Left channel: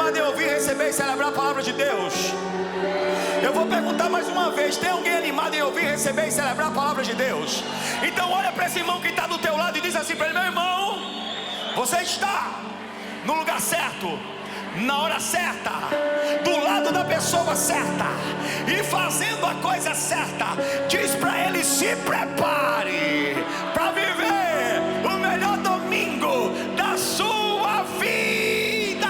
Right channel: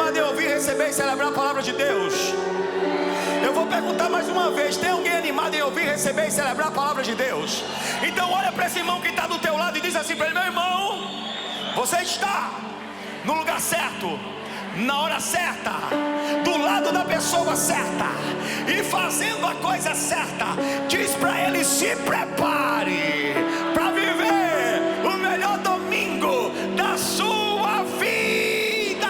animado em ouvir, receber e celebrar a palavra de Deus? Eu vou perguntar mais uma vez: tem alguém animado em ouvir, receber e celebrar a palavra de Deus? Então olha para esse irmão que está do teu lado e diz assim para ele: meu irmão, você está no lugar certo, na hora certa, do lado da pessoa certa e fazendo a coisa certa. Diz para ele: se prepare para viver o melhor domingo da sua vida.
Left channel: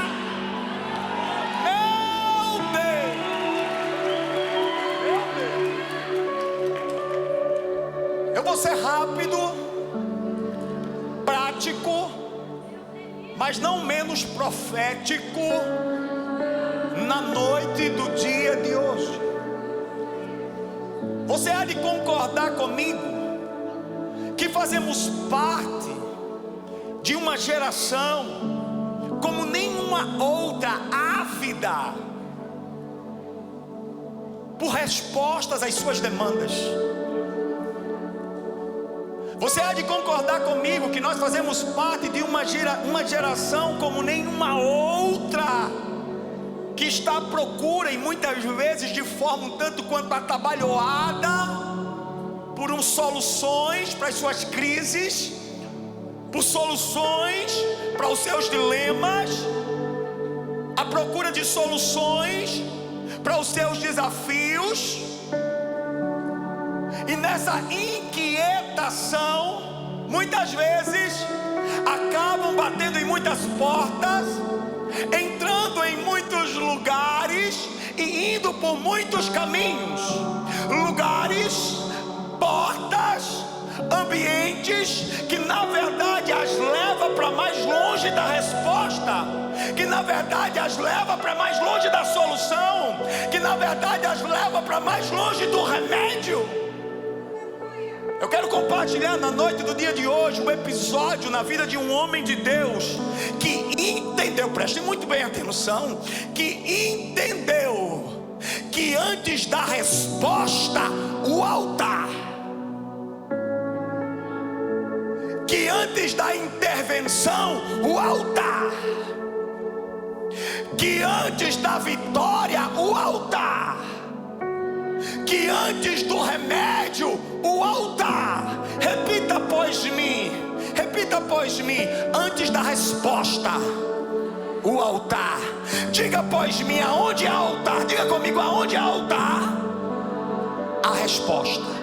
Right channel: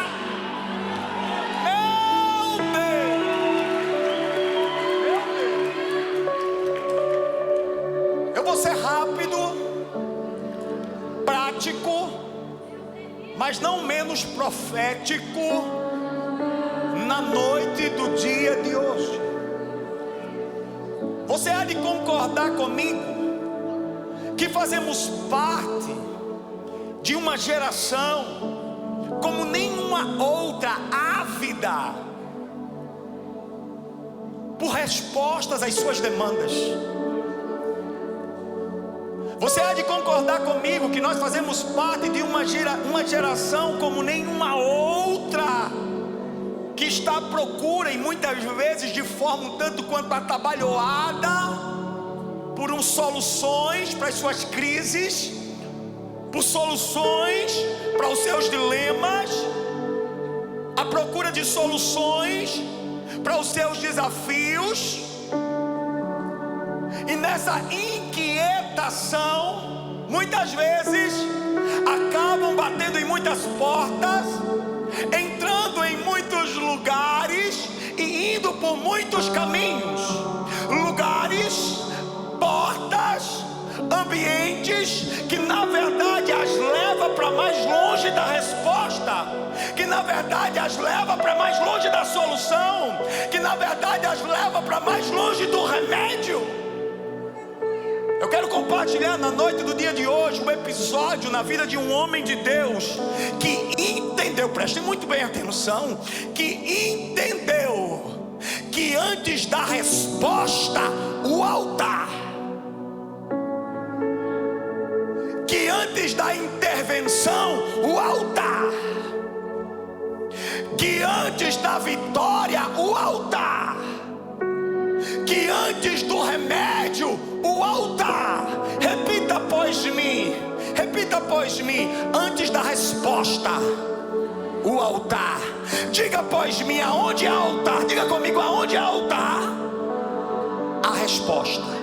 Meu Deus, eu vou ser rápido, prático, mas não menos profético na noite do dia de hoje. Você há de concordar comigo que fazemos parte de uma geração como nenhuma outra, ávida por respostas às suas demandas. Você há de concordar comigo que nós fazemos parte de uma geração como nenhuma outra, que está à procura, e muitas vezes de forma um tanto quanto atabalhoada, por soluções para as suas crises, por soluções para os seus dilemas, à procura de soluções para os seus desafios. E nessa inquietação, muitas vezes acabam batendo em muitas portas, entrando em muitos lugares e indo por muitos caminhos, lugares, portas, ambientes que na verdade as leva para mais longe da resposta, que na verdade as leva para mais longe da solução, que na verdade as leva para mais longe do remédio. Eu quero compartilhar na noite do dia de hoje um episódio na vida de um homem de Deus que entendeu, prestem muito bem atenção, que entendeu que antes da resposta, o altar, que antes da intervenção, o altar, que antes da vitória, o altar, que antes do remédio, o altar. Repita após mim, repita após mim: antes da resposta, o altar. Diga após mim: aonde há altar? Diga comigo: aonde há altar, a resposta.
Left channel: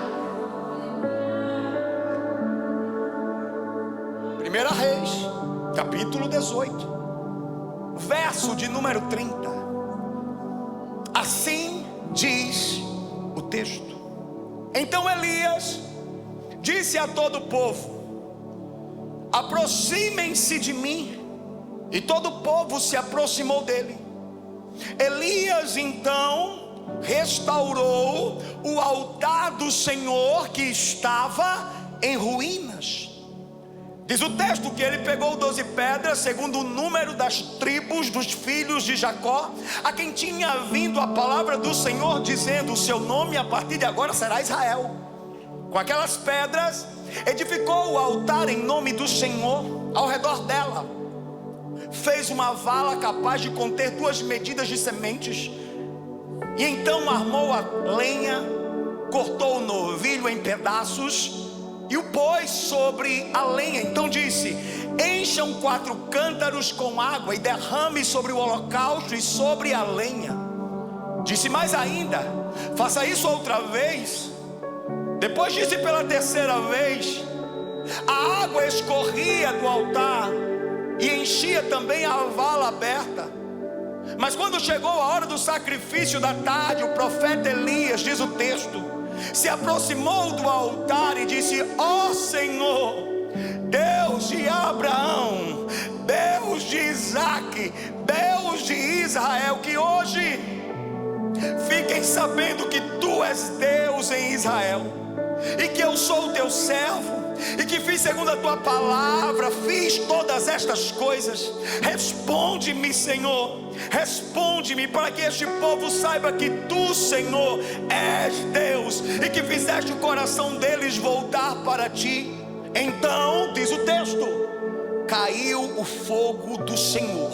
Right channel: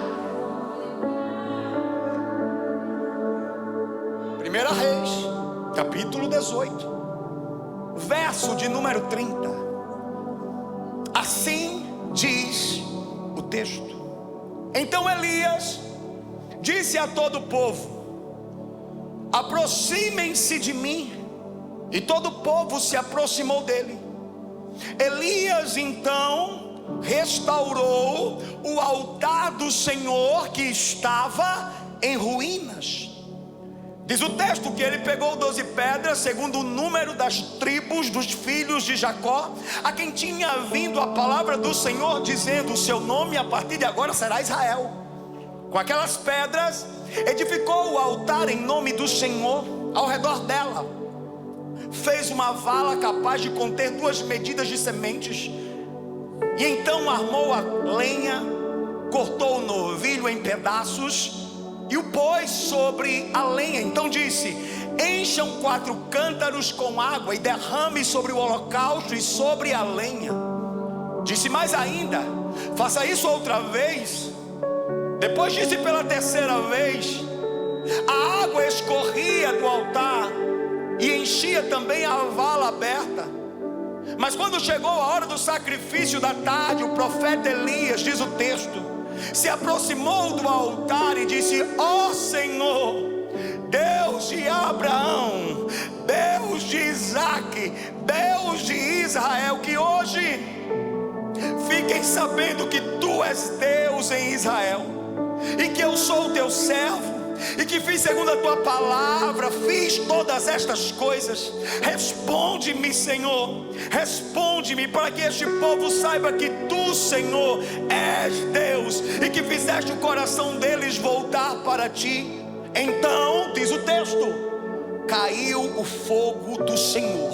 1 Reis, capítulo 18, verso de número 30. Assim diz o texto: então Elias disse a todo o povo: aproximem-se de mim. E todo o povo se aproximou dele. Elias então restaurou o altar do Senhor que estava em ruínas. Diz o texto que ele pegou 12 pedras, segundo o número das tribos dos filhos de Jacó, a quem tinha vindo a palavra do Senhor, dizendo: o seu nome a partir de agora será Israel. Com aquelas pedras, edificou o altar em nome do Senhor. Ao redor dela, fez uma vala capaz de conter 2 medidas de sementes. E então armou a lenha, cortou o novilho em pedaços e o pôs sobre a lenha. Então disse: encham 4 cântaros com água e derrame sobre o holocausto e sobre a lenha. Disse mais ainda: faça isso outra vez. Depois disse pela 3ª vez. A água escorria do altar e enchia também a vala aberta. Mas quando chegou a hora do sacrifício da tarde, o profeta Elias, diz o texto, se aproximou do altar e disse: ó Senhor, Deus de Abraão, Deus de Isaque, Deus de Israel, que hoje fiquem sabendo que tu és Deus em Israel, e que eu sou o teu servo, e que fiz segundo a tua palavra, fiz todas estas coisas. Responde-me, Senhor, responde-me, para que este povo saiba que tu, Senhor, és Deus, e que fizeste o coração deles voltar para ti. Então, diz o texto, caiu o fogo do Senhor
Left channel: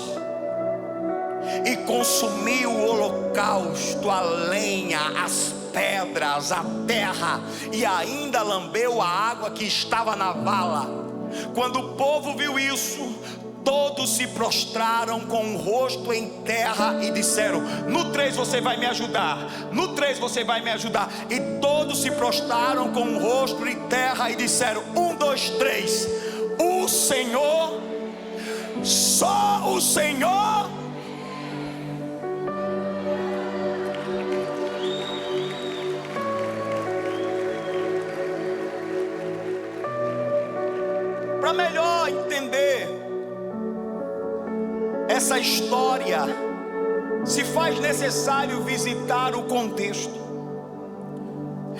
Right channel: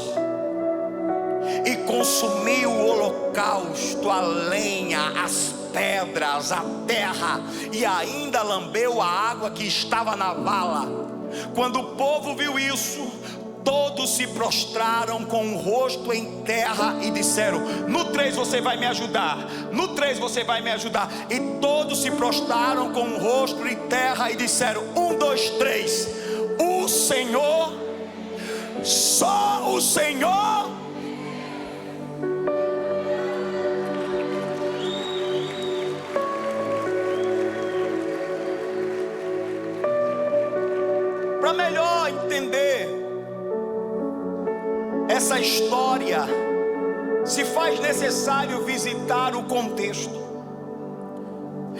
e consumiu o holocausto, a lenha, as pedras, a terra, e ainda lambeu a água que estava na vala. Quando o povo viu isso, todos se prostraram com o rosto em terra e disseram: no 3 você vai me ajudar, no 3 você vai me ajudar. E todos se prostraram com o rosto em terra e disseram: 1, 2, 3, o Senhor, só o Senhor. Para melhor entender essa história, se faz necessário visitar o contexto.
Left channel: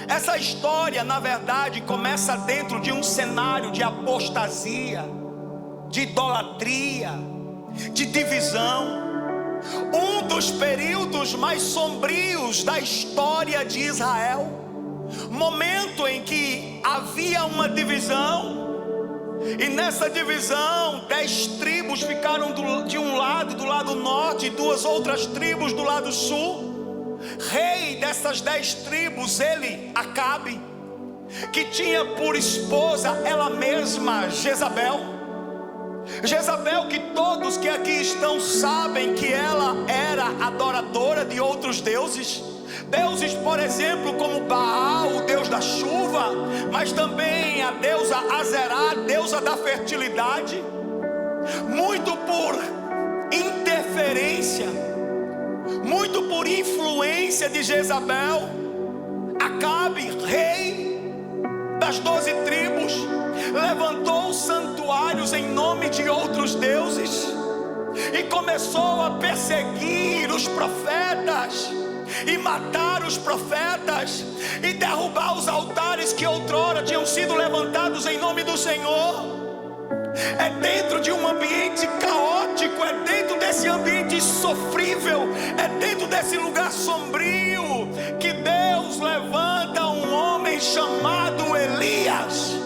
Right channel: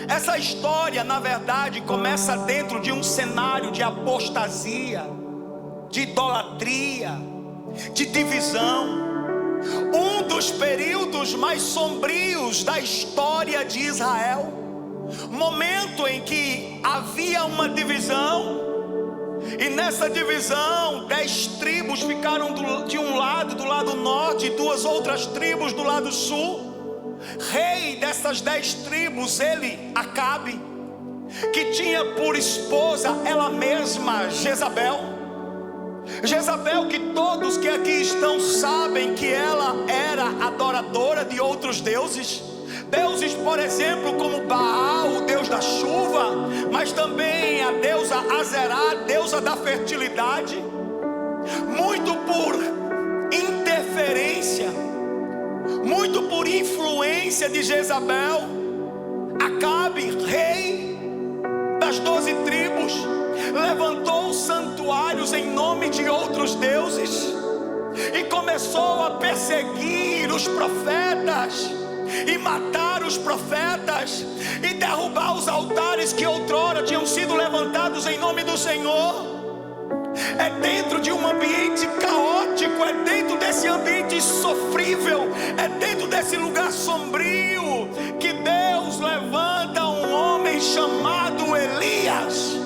Essa história, na verdade, começa dentro de um cenário de apostasia, de idolatria, de divisão. Um dos períodos mais sombrios da história de Israel. Momento em que havia uma divisão. E nessa divisão, 10 tribos ficaram de um lado, do lado norte, e 2 outras tribos do lado sul. Rei dessas 10 tribos, ele, Acabe, que tinha por esposa ela mesma, Jezabel. Jezabel, que todos que aqui estão sabem que ela era adoradora de outros deuses. Deuses, por exemplo, como Baal, o deus da chuva, mas também a deusa Azerá, deusa da fertilidade. Muito por interferência, muito por influência de Jezabel, Acabe, rei das 12 tribos, levantou santuários em nome de outros deuses e começou a perseguir os profetas, e matar os profetas, e derrubar os altares que outrora tinham sido levantados em nome do Senhor. É dentro de um ambiente caótico, é dentro desse ambiente sofrível, é dentro desse lugar sombrio que Deus levanta um homem chamado Elias.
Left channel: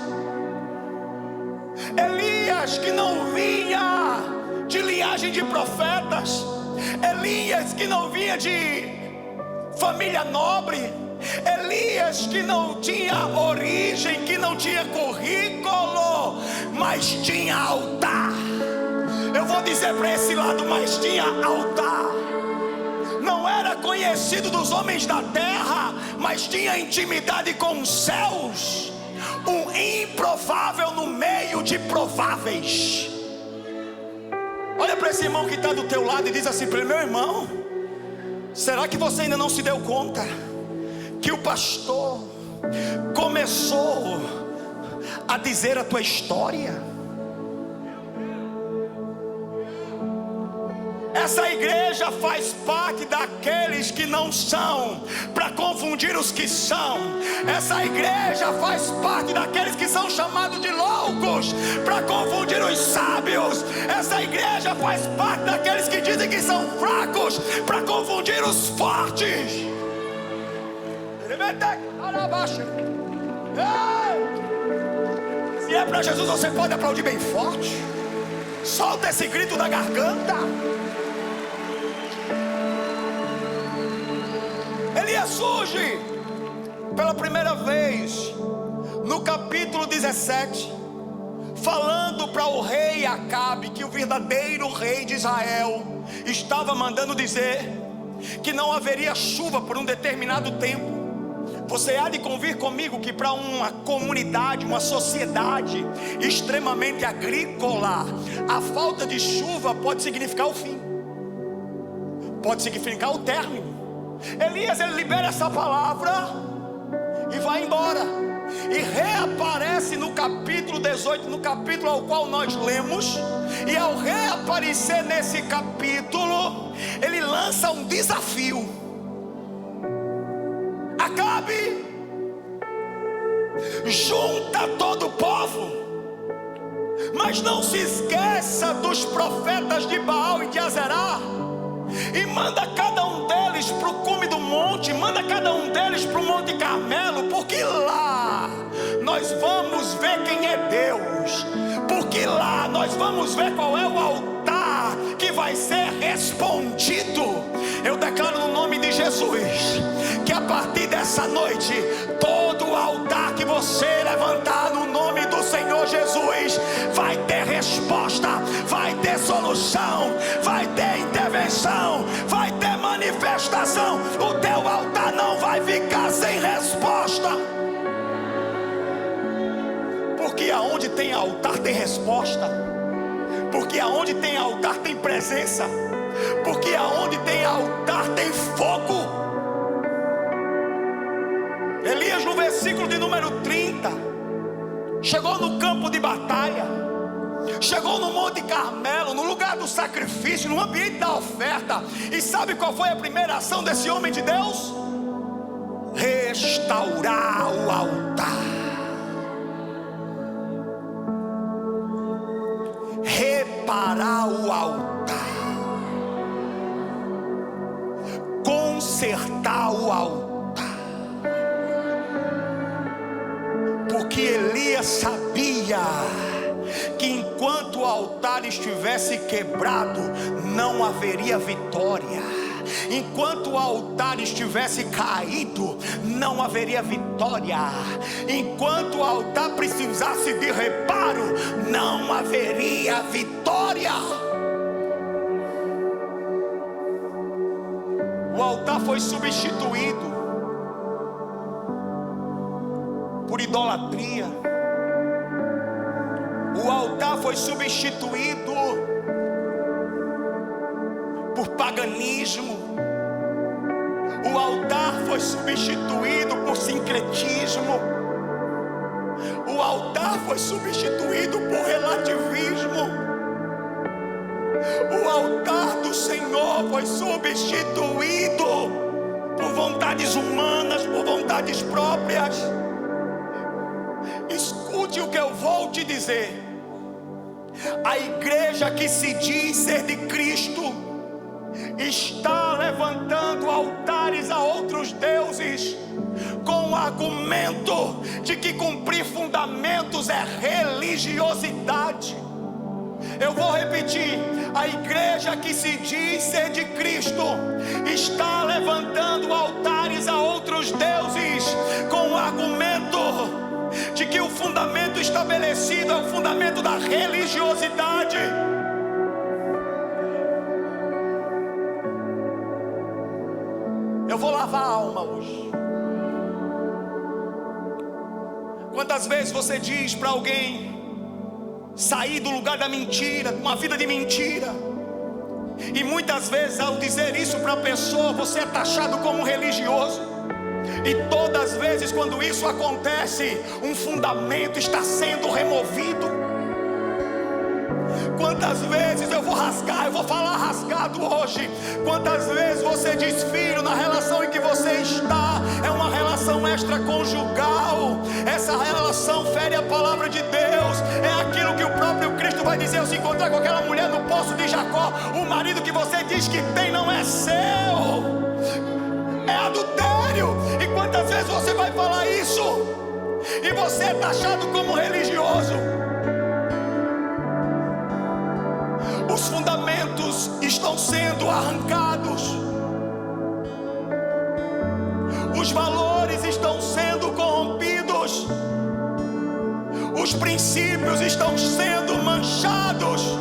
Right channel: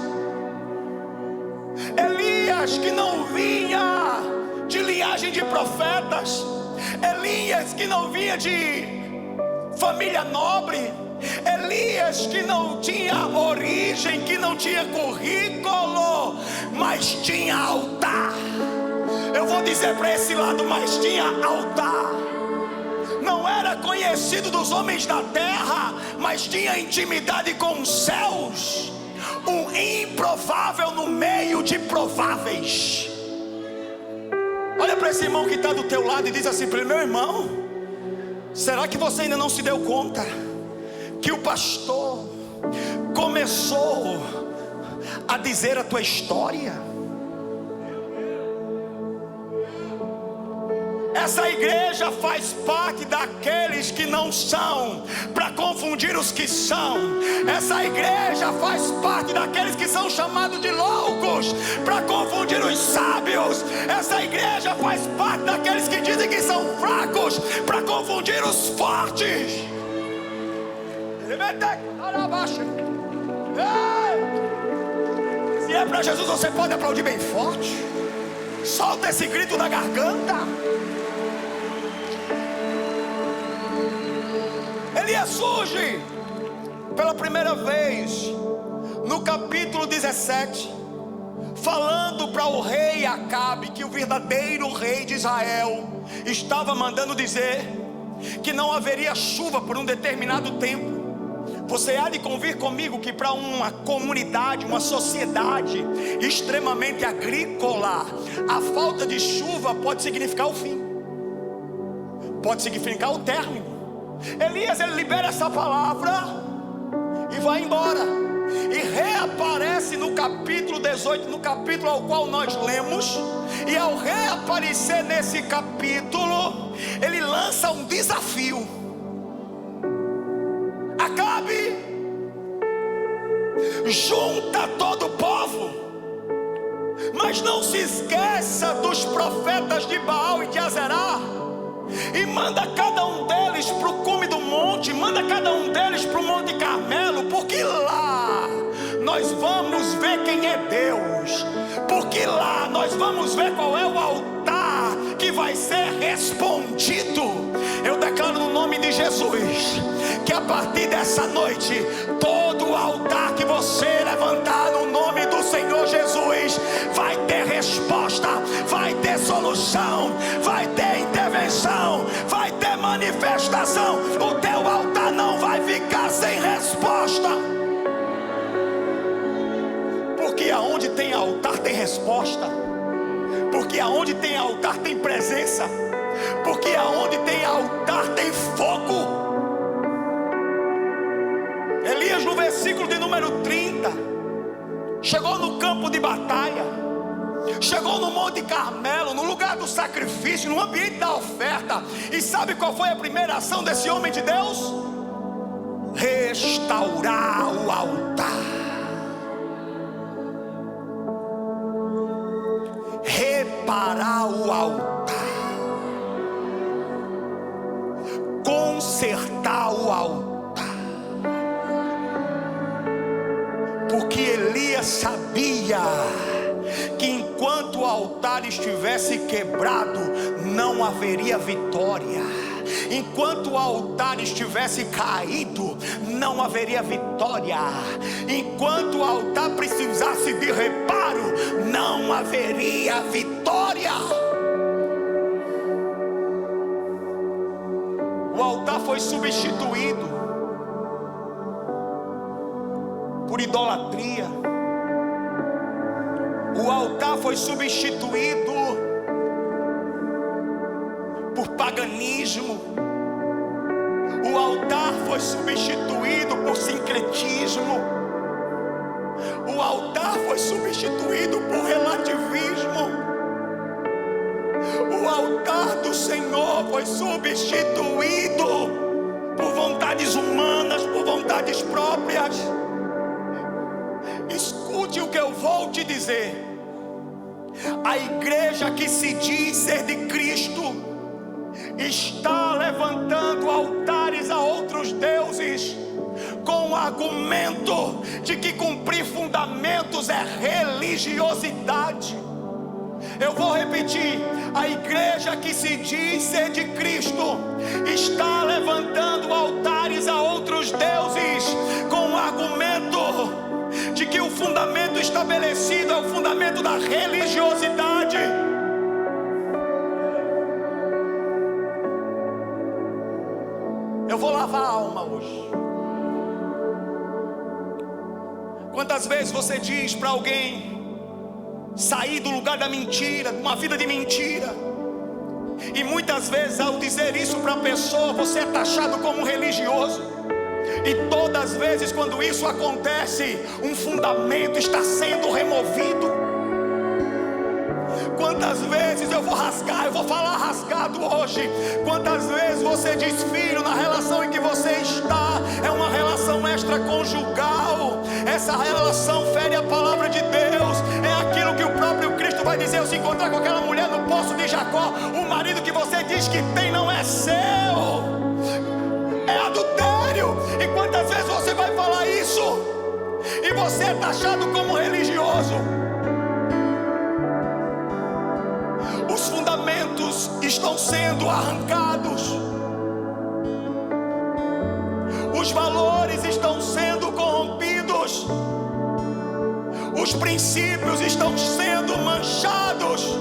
Elias, que não vinha de linhagem de profetas, Elias que não vinha de família nobre, Elias que não tinha origem, que não tinha currículo, mas tinha altar. Eu vou dizer para esse lado, mas tinha altar. Não era conhecido dos homens da terra, mas tinha intimidade com os céus. Um improvável no meio de prováveis. Olha para esse irmão que está do teu lado e diz assim para ele: meu irmão, será que você ainda não se deu conta que o pastor começou a dizer a tua história? Essa igreja faz parte daqueles que não são, para confundir os que são. Essa igreja faz parte daqueles que são chamados de loucos, para confundir os sábios. Essa igreja faz parte daqueles que dizem que são fracos, para confundir os fortes. Se é para Jesus, você pode aplaudir bem forte. Solta esse grito da garganta. Elias surge pela primeira vez no capítulo 17, falando para o rei Acabe que o verdadeiro rei de Israel estava mandando dizer que não haveria chuva por um determinado tempo. Você há de convir comigo que para uma comunidade, uma sociedade extremamente agrícola, a falta de chuva pode significar o fim, pode significar o término. Elias, ele libera essa palavra e vai embora, e reaparece no capítulo 18, no capítulo ao qual nós lemos. E ao reaparecer nesse capítulo, ele lança um desafio. Acabe, junta todo o povo, mas não se esqueça dos profetas de Baal e de Azerá, e manda cada um deles para o cume do monte, manda cada um deles para o Monte Carmelo, porque lá nós vamos ver quem é Deus. porque lá nós vamos ver qual é o altar que vai ser respondido. Eu declaro no nome de Jesus que a partir dessa noite, todo altar que você levantar no nome do Senhor Jesus vai ter resposta, vai ter solução, vai ter intervenção, vai ter manifestação. O teu altar não vai ficar sem resposta, porque aonde tem altar tem resposta, porque aonde tem altar tem presença, porque aonde tem altar tem fogo. Elias, no versículo de número 30, chegou no campo de batalha, chegou no Monte Carmelo, no lugar do sacrifício, no ambiente da oferta. E sabe qual foi a primeira ação desse homem de Deus? Restaurar o altar, reparar o altar, consertar o altar. Porque Elias sabia que enquanto o altar estivesse quebrado, não haveria vitória. Enquanto o altar estivesse caído, não haveria vitória. Enquanto o altar precisasse de reparo, não haveria vitória. O altar foi substituído por idolatria. O altar foi substituído por paganismo. O altar foi substituído por sincretismo. O altar foi substituído por relativismo. O altar do Senhor foi substituído por vontades humanas, por vontades próprias. Escute o que eu vou te dizer. A igreja que se diz ser de Cristo está levantando altares a outros deuses, com o argumento de que cumprir fundamentos é religiosidade. Eu vou repetir: a igreja que se diz ser de Cristo está levantando altares a outros deuses, com o argumento de que o fundamento estabelecido é o fundamento da religiosidade. Eu vou lavar a alma hoje. Quantas vezes você diz para alguém sair do lugar da mentira, de uma vida de mentira, e muitas vezes ao dizer isso para a pessoa, você é taxado como um religioso. E todas as vezes quando isso acontece, um fundamento está sendo removido. Quantas vezes eu vou falar rasgado hoje. Quantas vezes você diz: filho, na relação em que você está é uma relação extraconjugal, essa relação fere a palavra de Deus. É aquilo que o próprio Cristo vai dizer ao se encontrar com aquela mulher no poço de Jacó: o marido que você diz que tem não é seu, é adultério. E quantas vezes você vai falar isso e você é taxado como religioso? Os fundamentos estão sendo arrancados, os valores estão sendo corrompidos, os princípios estão sendo manchados.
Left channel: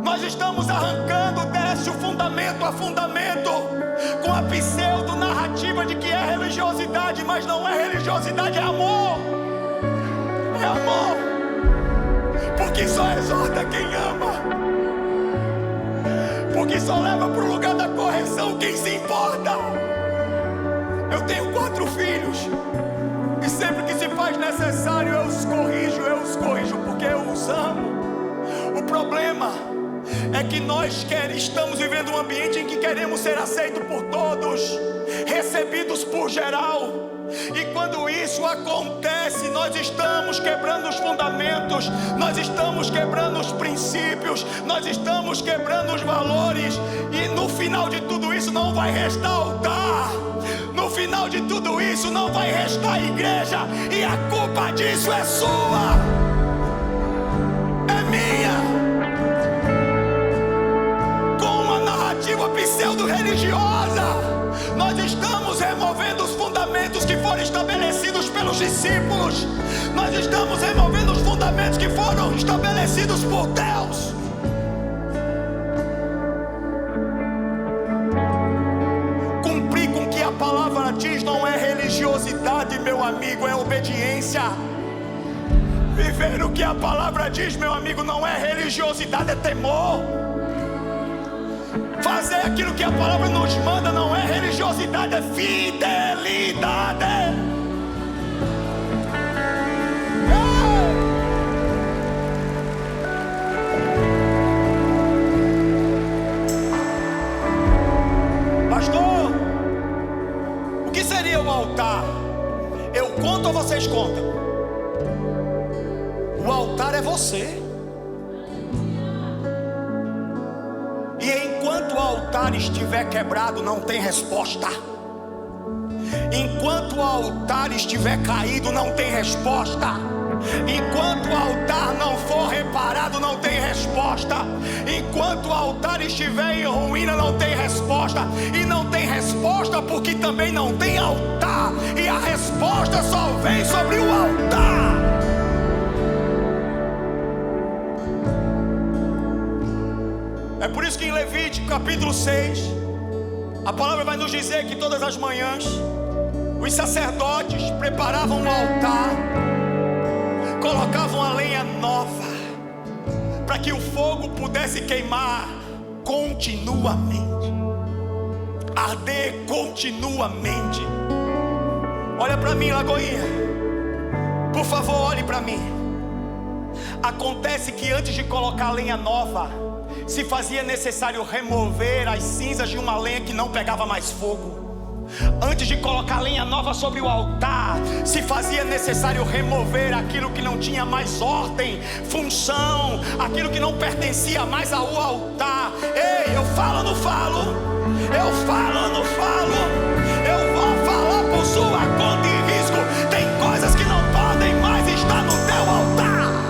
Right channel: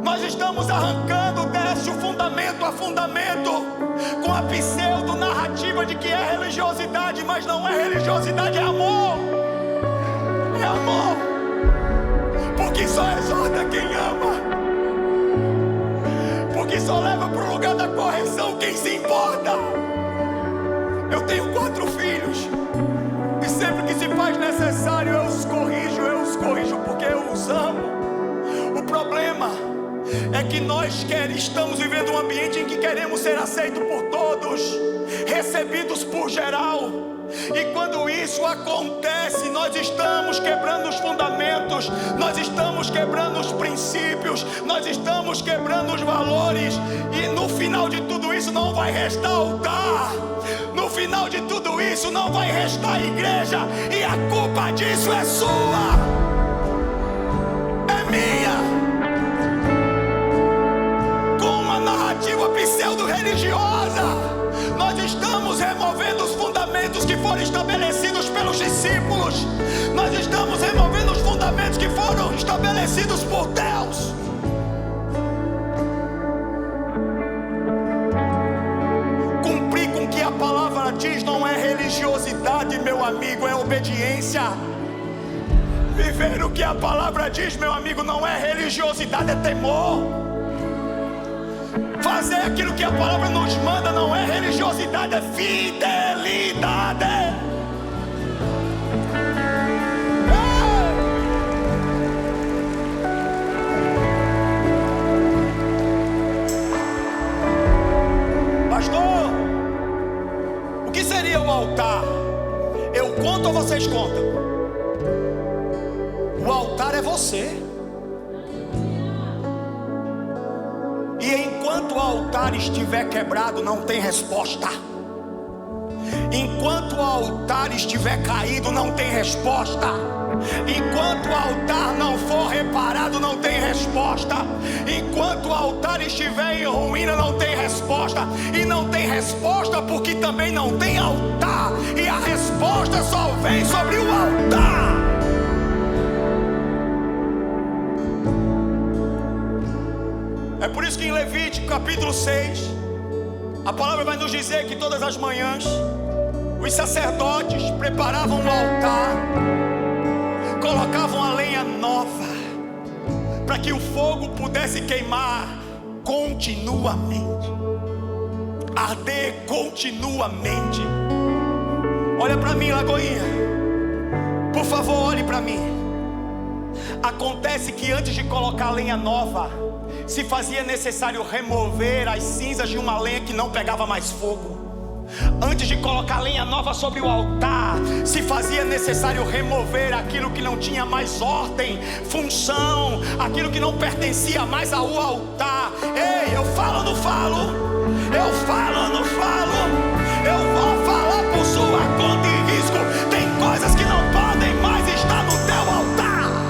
Nós estamos arrancando desde o fundamento a fundamento, com a pseudo narrativa de que é religiosidade, mas não é religiosidade, é amor. É amor. Porque só exorta quem ama, porque só leva para o lugar da correção quem se importa. Eu tenho 4 filhos, e sempre que se faz necessário eu os corrijo porque eu os amo. O problema é que nós estamos vivendo um ambiente em que queremos ser aceitos por todos, recebidos por geral. E quando isso acontece, nós estamos quebrando os fundamentos, nós estamos quebrando os princípios, nós estamos quebrando os valores. E no final de tudo isso não vai restar altar, no final de tudo isso não vai restar igreja, e a culpa disso é sua. minha, com uma narrativa pseudo-religiosa. Nós estamos removendo os fundamentos que foram estabelecidos pelos discípulos. Nós estamos removendo os fundamentos que foram estabelecidos por Deus. Cumprir com o que a palavra diz não é religiosidade, meu amigo, é obediência. Viver o que a palavra diz, meu amigo, não é religiosidade, é temor. Fazer aquilo que a palavra nos manda não é religiosidade, é fidelidade. Pastor, o que seria o altar? Eu conto ou vocês contam? O altar é você. E enquanto o altar estiver quebrado, não tem resposta. Enquanto o altar estiver caído, não tem resposta. Enquanto o altar não for reparado, não tem resposta. Enquanto o altar estiver em ruína, não tem resposta. E não tem resposta porque também não tem altar. E a resposta só vem sobre o altar. É por isso que em Levítico capítulo 6, a palavra vai nos dizer que todas as manhãs os sacerdotes preparavam o altar, colocavam a lenha nova, para que o fogo pudesse queimar continuamente, arder continuamente. Olha para mim, Lagoinha, por favor, olhe para mim. Acontece que antes de colocar a lenha nova, se fazia necessário remover as cinzas de uma lenha que não pegava mais fogo. Antes de colocar lenha nova sobre o altar, se fazia necessário remover aquilo que não tinha mais ordem, função, aquilo que não pertencia mais ao altar. Ei, eu falo ou não falo? Eu falo ou não falo? Eu vou falar por sua conta e risco. Tem coisas que não podem mais estar no teu altar.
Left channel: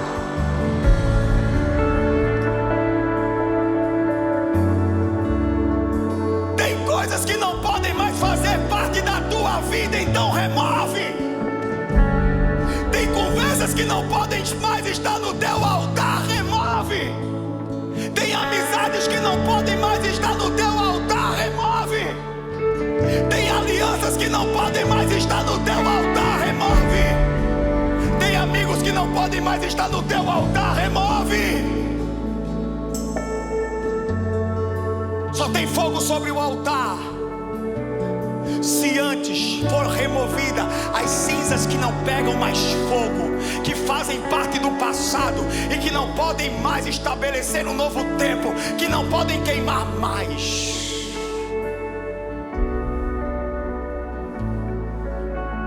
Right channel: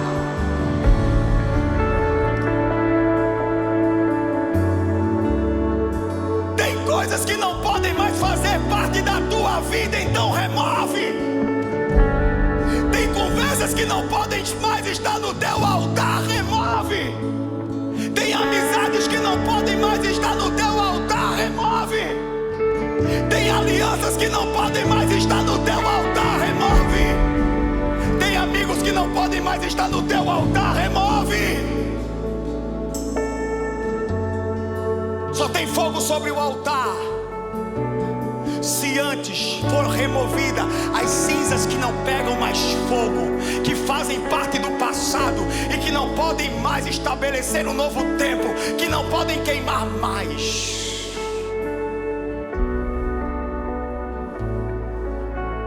Coisas que não podem mais fazer parte da tua vida, então remove. Tem conversas que não podem mais estar no teu altar, remove. Tem amizades que não podem mais estar no teu altar, remove. Tem alianças que não podem mais estar no teu altar, remove. Tem amigos que não podem mais estar no teu altar, remove. Só tem fogo sobre o altar se antes for removida as cinzas que não pegam mais fogo, que fazem parte do passado e que não podem mais estabelecer um novo tempo, que não podem queimar mais.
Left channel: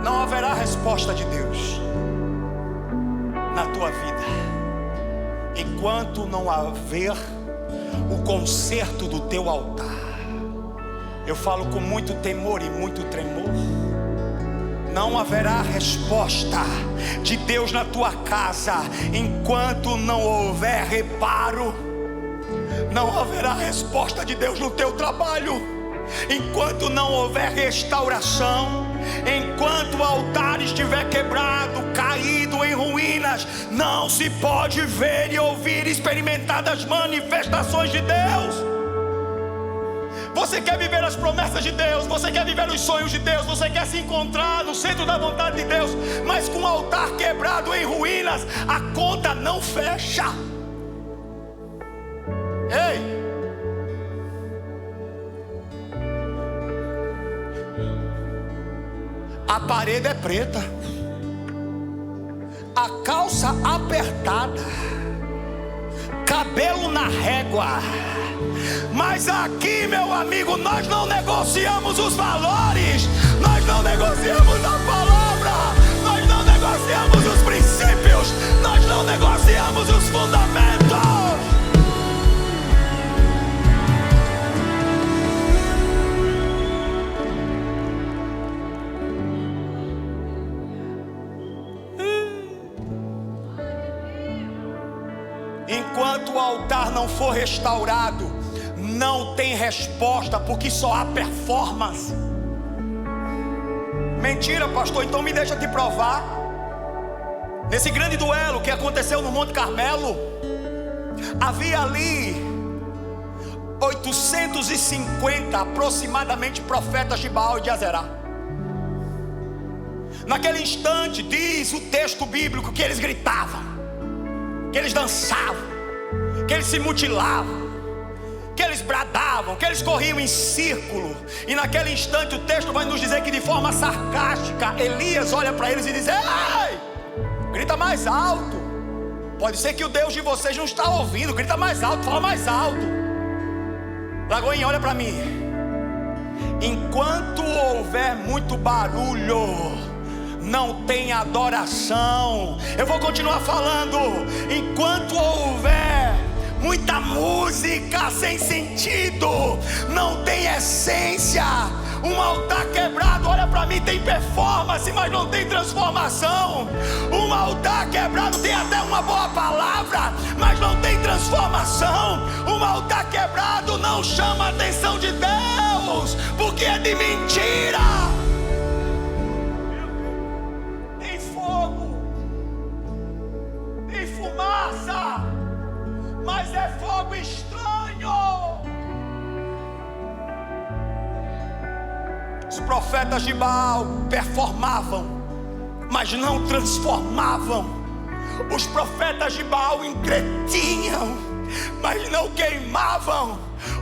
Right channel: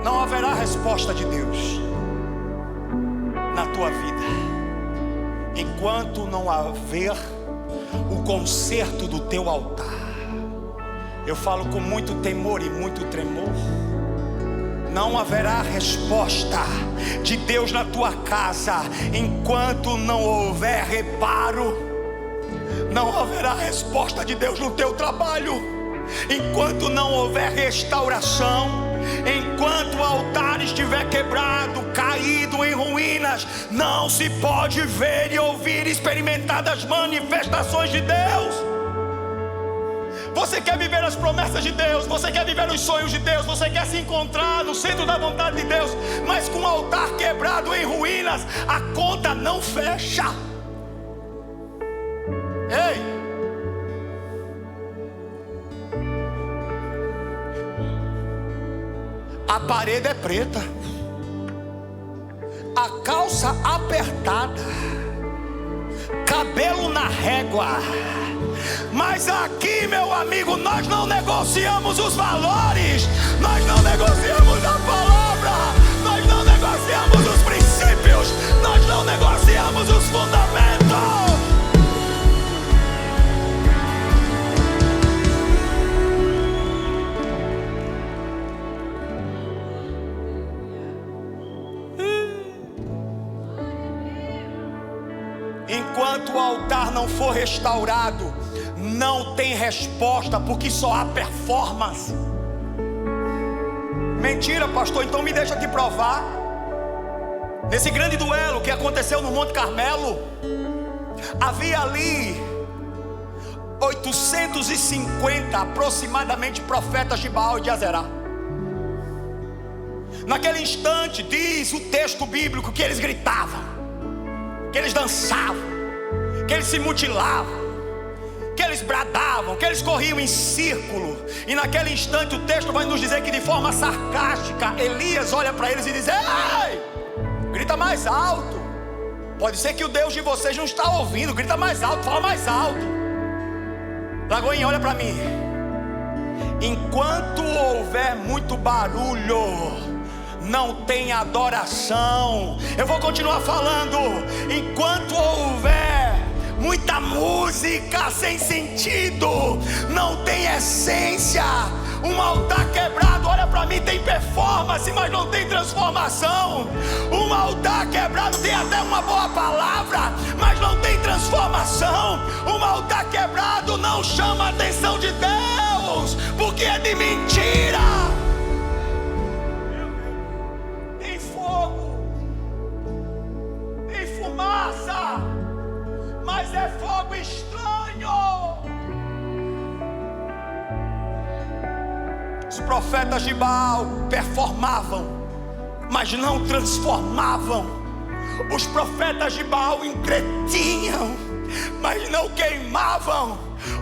Não haverá resposta de Deus na tua vida enquanto não haver o conserto do teu altar. Eu falo com muito temor e muito tremor. Não haverá resposta de Deus na tua casa enquanto não houver reparo. Não haverá resposta de Deus no teu trabalho enquanto não houver restauração. Enquanto o altar estiver quebrado, caído em ruínas, não se pode ver e ouvir e experimentar das manifestações de Deus. Você quer viver as promessas de Deus, você quer viver os sonhos de Deus, você quer se encontrar no centro da vontade de Deus, mas com o altar quebrado em ruínas, a conta não fecha. Ei! A parede é preta, a calça apertada, cabelo na régua. Mas aqui, meu amigo, nós não negociamos os valores, nós não negociamos a palavra, nós não negociamos os princípios, nós não negociamos os fundamentos. enquanto o altar não for restaurado, não tem resposta, porque só há performance. Mentira, pastor, então me deixa te provar. Nesse grande duelo que aconteceu no Monte Carmelo, havia ali 850 aproximadamente profetas de Baal e de Azerá. Naquele instante, diz o texto bíblico, que eles gritavam, que eles dançavam, que eles se mutilavam, que eles bradavam, que eles corriam em círculo. E naquele instante o texto vai nos dizer que de forma sarcástica Elias olha para eles e diz: ei, grita mais alto. Pode ser que o Deus de vocês não está ouvindo. Grita mais alto, fala mais alto. Lagoinha, olha para mim. Enquanto houver muito barulho, não tem adoração. Eu vou continuar falando. Enquanto houver muita música sem sentido, não tem essência. Um altar quebrado, olha para mim, tem performance, mas não tem transformação. Um altar quebrado tem até uma boa palavra, mas não tem transformação. Um altar quebrado não chama a atenção de Deus, porque é de mentira. Tem fogo, tem fumaça, mas é fogo estranho. Os profetas de Baal performavam, mas não transformavam. Os profetas de Baal entretinham, mas não queimavam.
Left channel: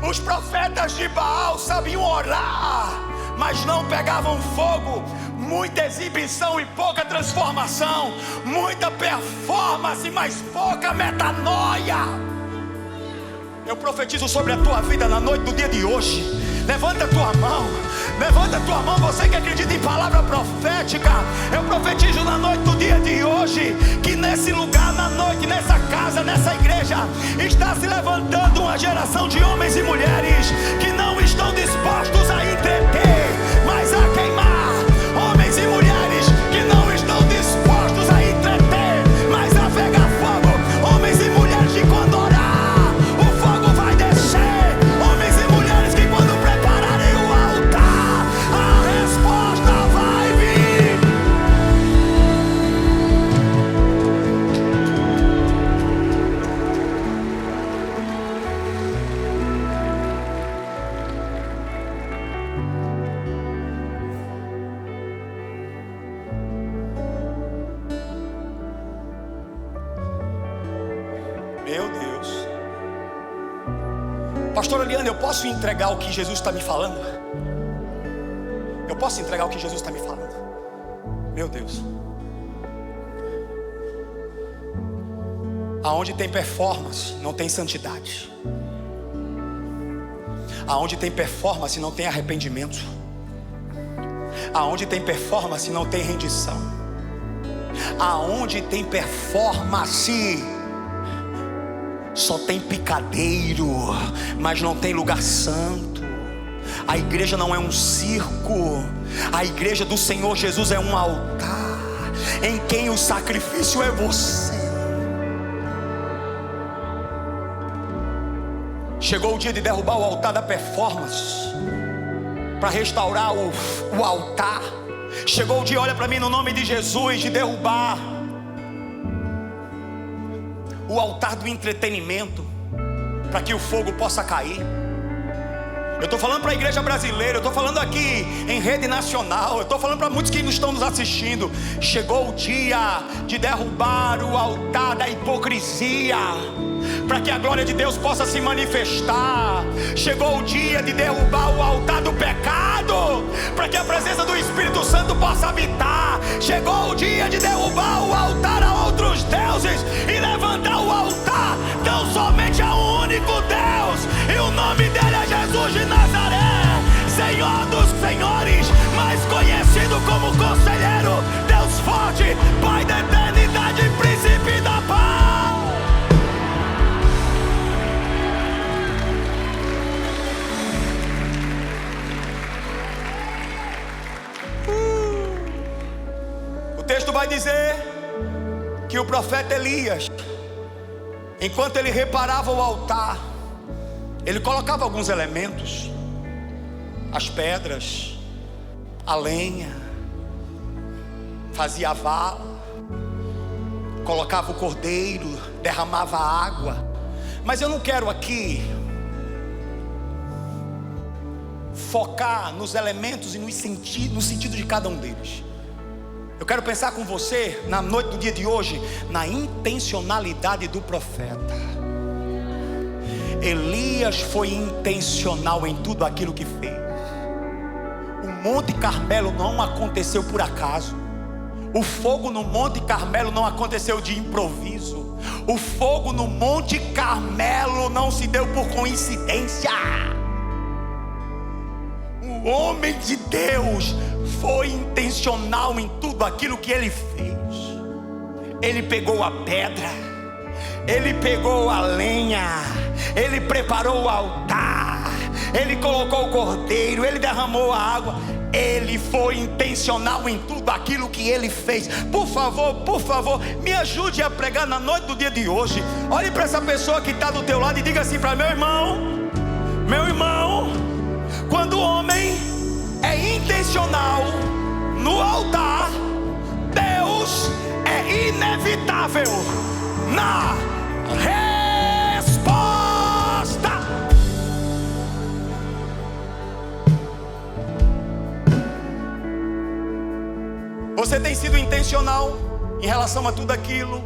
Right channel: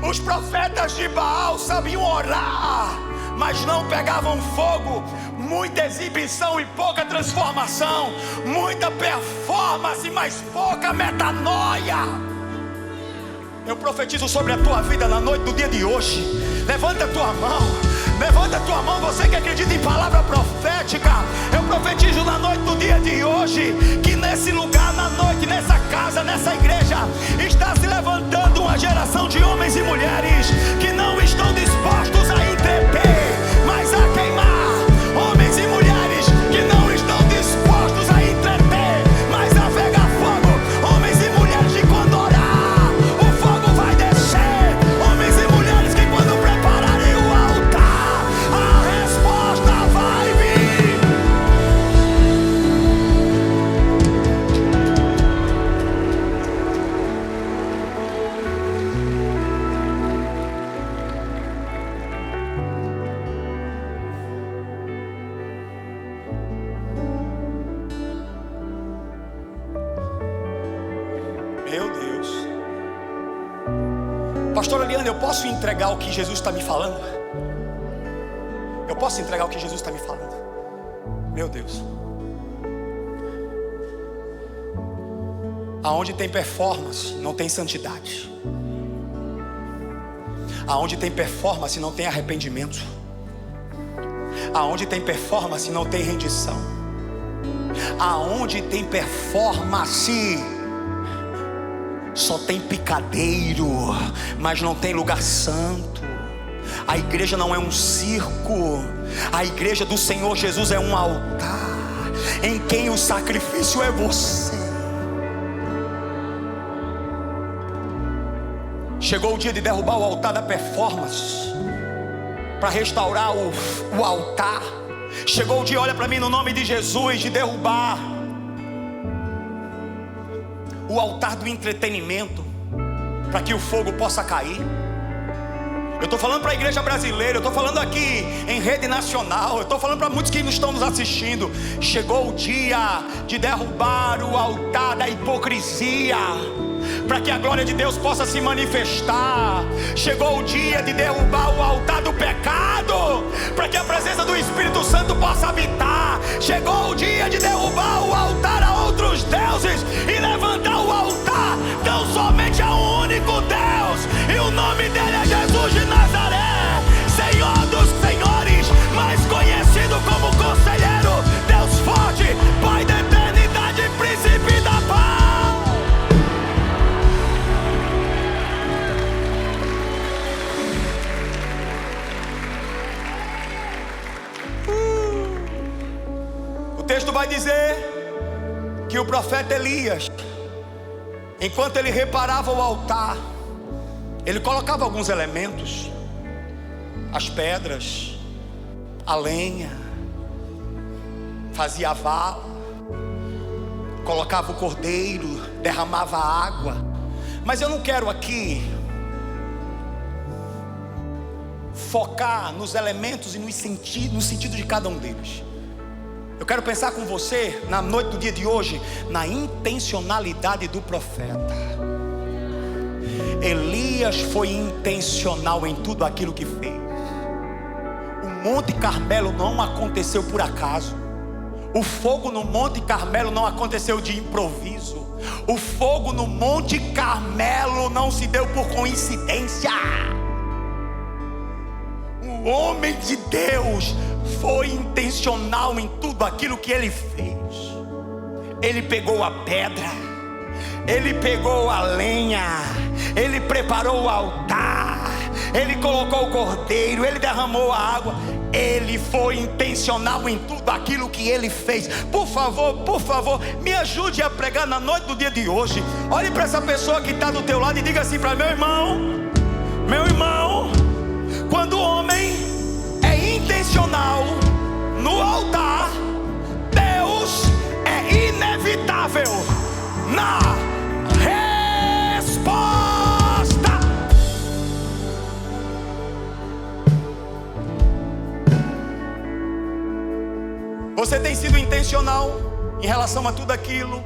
Os profetas de Baal sabiam orar, mas não pegavam fogo. Muita exibição e pouca transformação. Muita performance, mas pouca metanoia. Eu profetizo sobre a tua vida na noite do dia de hoje. Levanta a tua mão, você que acredita em palavra profética. Eu profetizo na noite do dia de hoje, que nesse lugar, na noite, nessa casa, nessa igreja, está se levantando uma geração de homens e mulheres que não estão dispostos a entreter, mas a queimar. Homens e mulheres que não estão dispostos a entreter, mas a pegar fogo. Homens e mulheres que quando orar, o fogo vai descer. Homens e mulheres que quando prepararem o altar, a resposta vai vir. Meu Deus. Pastor Eliane, eu posso entregar o que Jesus está me falando? Eu posso entregar o que Jesus está me falando? Meu Deus. Aonde tem performance, não tem santidade. Aonde tem performance, não tem arrependimento. Aonde tem performance, não tem rendição. Aonde tem performance, só tem picadeiro, mas não tem lugar santo. A igreja não é um circo. A igreja do Senhor Jesus é um altar, em quem o sacrifício é você. Chegou o dia de derrubar o altar da performance, para restaurar o altar. Chegou o dia, olha para mim, no nome de Jesus, de derrubar o altar do entretenimento, para que o fogo possa cair. Eu estou falando para a igreja brasileira, eu estou falando aqui em rede nacional, eu estou falando para muitos que não estão nos assistindo. Chegou o dia de derrubar o altar da hipocrisia, para que a glória de Deus possa se manifestar. Chegou o dia de derrubar o altar do pecado, para que a presença do Espírito Santo possa habitar. Chegou o dia de derrubar o altar a outros deuses e levantar o altar tão somente a um único Deus, e o nome dele é Jesus de Nazaré, Senhor dos senhores, mais conhecido como Conselheiro, Deus forte, Pai da eternidade, Príncipe da paz. O texto vai dizer que o profeta Elias Enquanto ele reparava o altar, ele colocava alguns elementos: as pedras, a lenha, fazia a vala, colocava o cordeiro, derramava água. Mas eu não quero aqui focar nos elementos e no sentido de cada um deles. Eu quero pensar com você, na noite do dia de hoje, na intencionalidade do profeta. Elias foi intencional em tudo aquilo que fez. O Monte Carmelo não aconteceu por acaso. O fogo no Monte Carmelo não aconteceu de improviso. O fogo no Monte Carmelo não se deu por coincidência. O homem de Deus foi intencional em tudo aquilo que ele fez. Ele pegou a pedra, ele pegou a lenha, ele preparou o altar, ele colocou o cordeiro, ele derramou a água. Ele foi intencional em tudo aquilo que ele fez. Por favor, me ajude a pregar na noite do dia de hoje. Olhe para essa pessoa que está do teu lado e diga assim para meu irmão, quando o homem é intencional no altar, Deus é inevitável na resposta. Você tem sido intencional em relação a tudo aquilo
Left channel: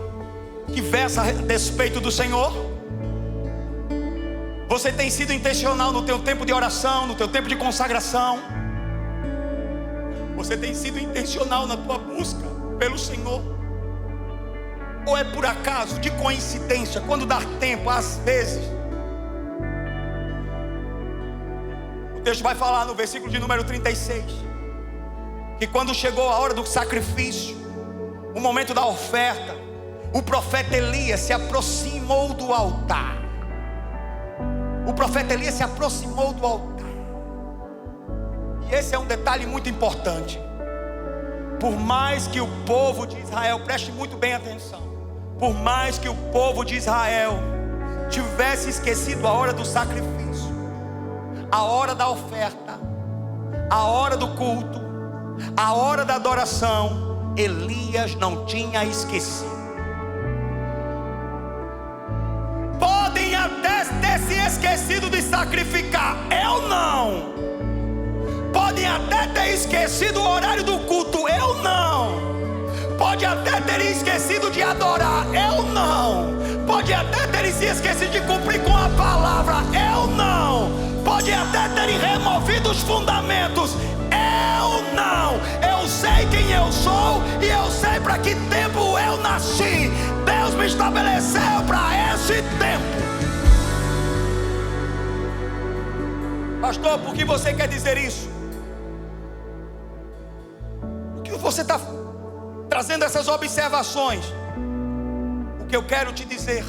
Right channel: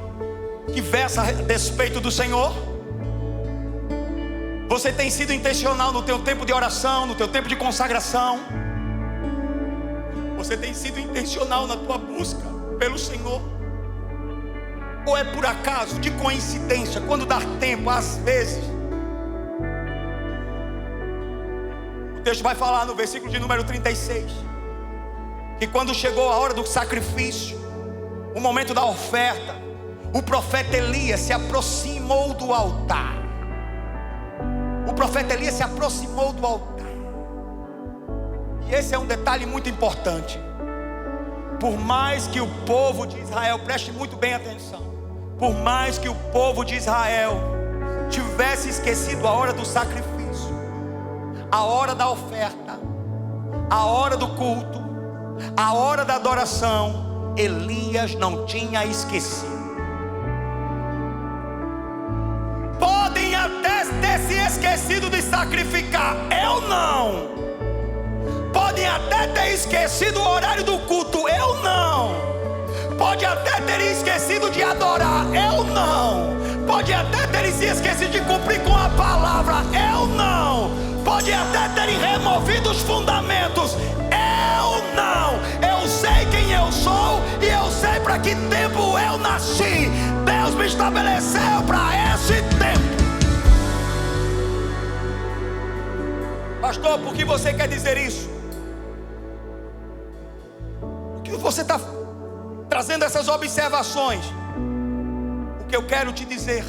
que versa a respeito do Senhor? Você tem sido intencional no teu tempo de oração, no teu tempo de consagração? Você tem sido intencional na tua busca pelo Senhor? Ou é por acaso, de coincidência, quando dá tempo, às vezes? O texto vai falar no versículo de número 36, que quando chegou a hora do sacrifício, o momento da oferta, o profeta Elias se aproximou do altar. O profeta Elias se aproximou do altar. E esse é um detalhe muito importante. Por mais que o povo de Israel, preste muito bem atenção, por mais que o povo de Israel tivesse esquecido a hora do sacrifício, a hora da oferta, a hora do culto, a hora da adoração, Elias não tinha esquecido. Podem até ter se esquecido de sacrificar, eu não. Podem até ter esquecido o horário do culto, eu não. Pode até ter esquecido de adorar, eu não. Pode até ter se esquecido de cumprir com a palavra, eu não. Pode até terem removido os fundamentos, eu não. Eu sei quem eu sou e eu sei para que tempo eu nasci. Deus me estabeleceu para esse tempo. Pastor, por que você quer dizer isso? Por que você está trazendo essas observações? O que eu quero te dizer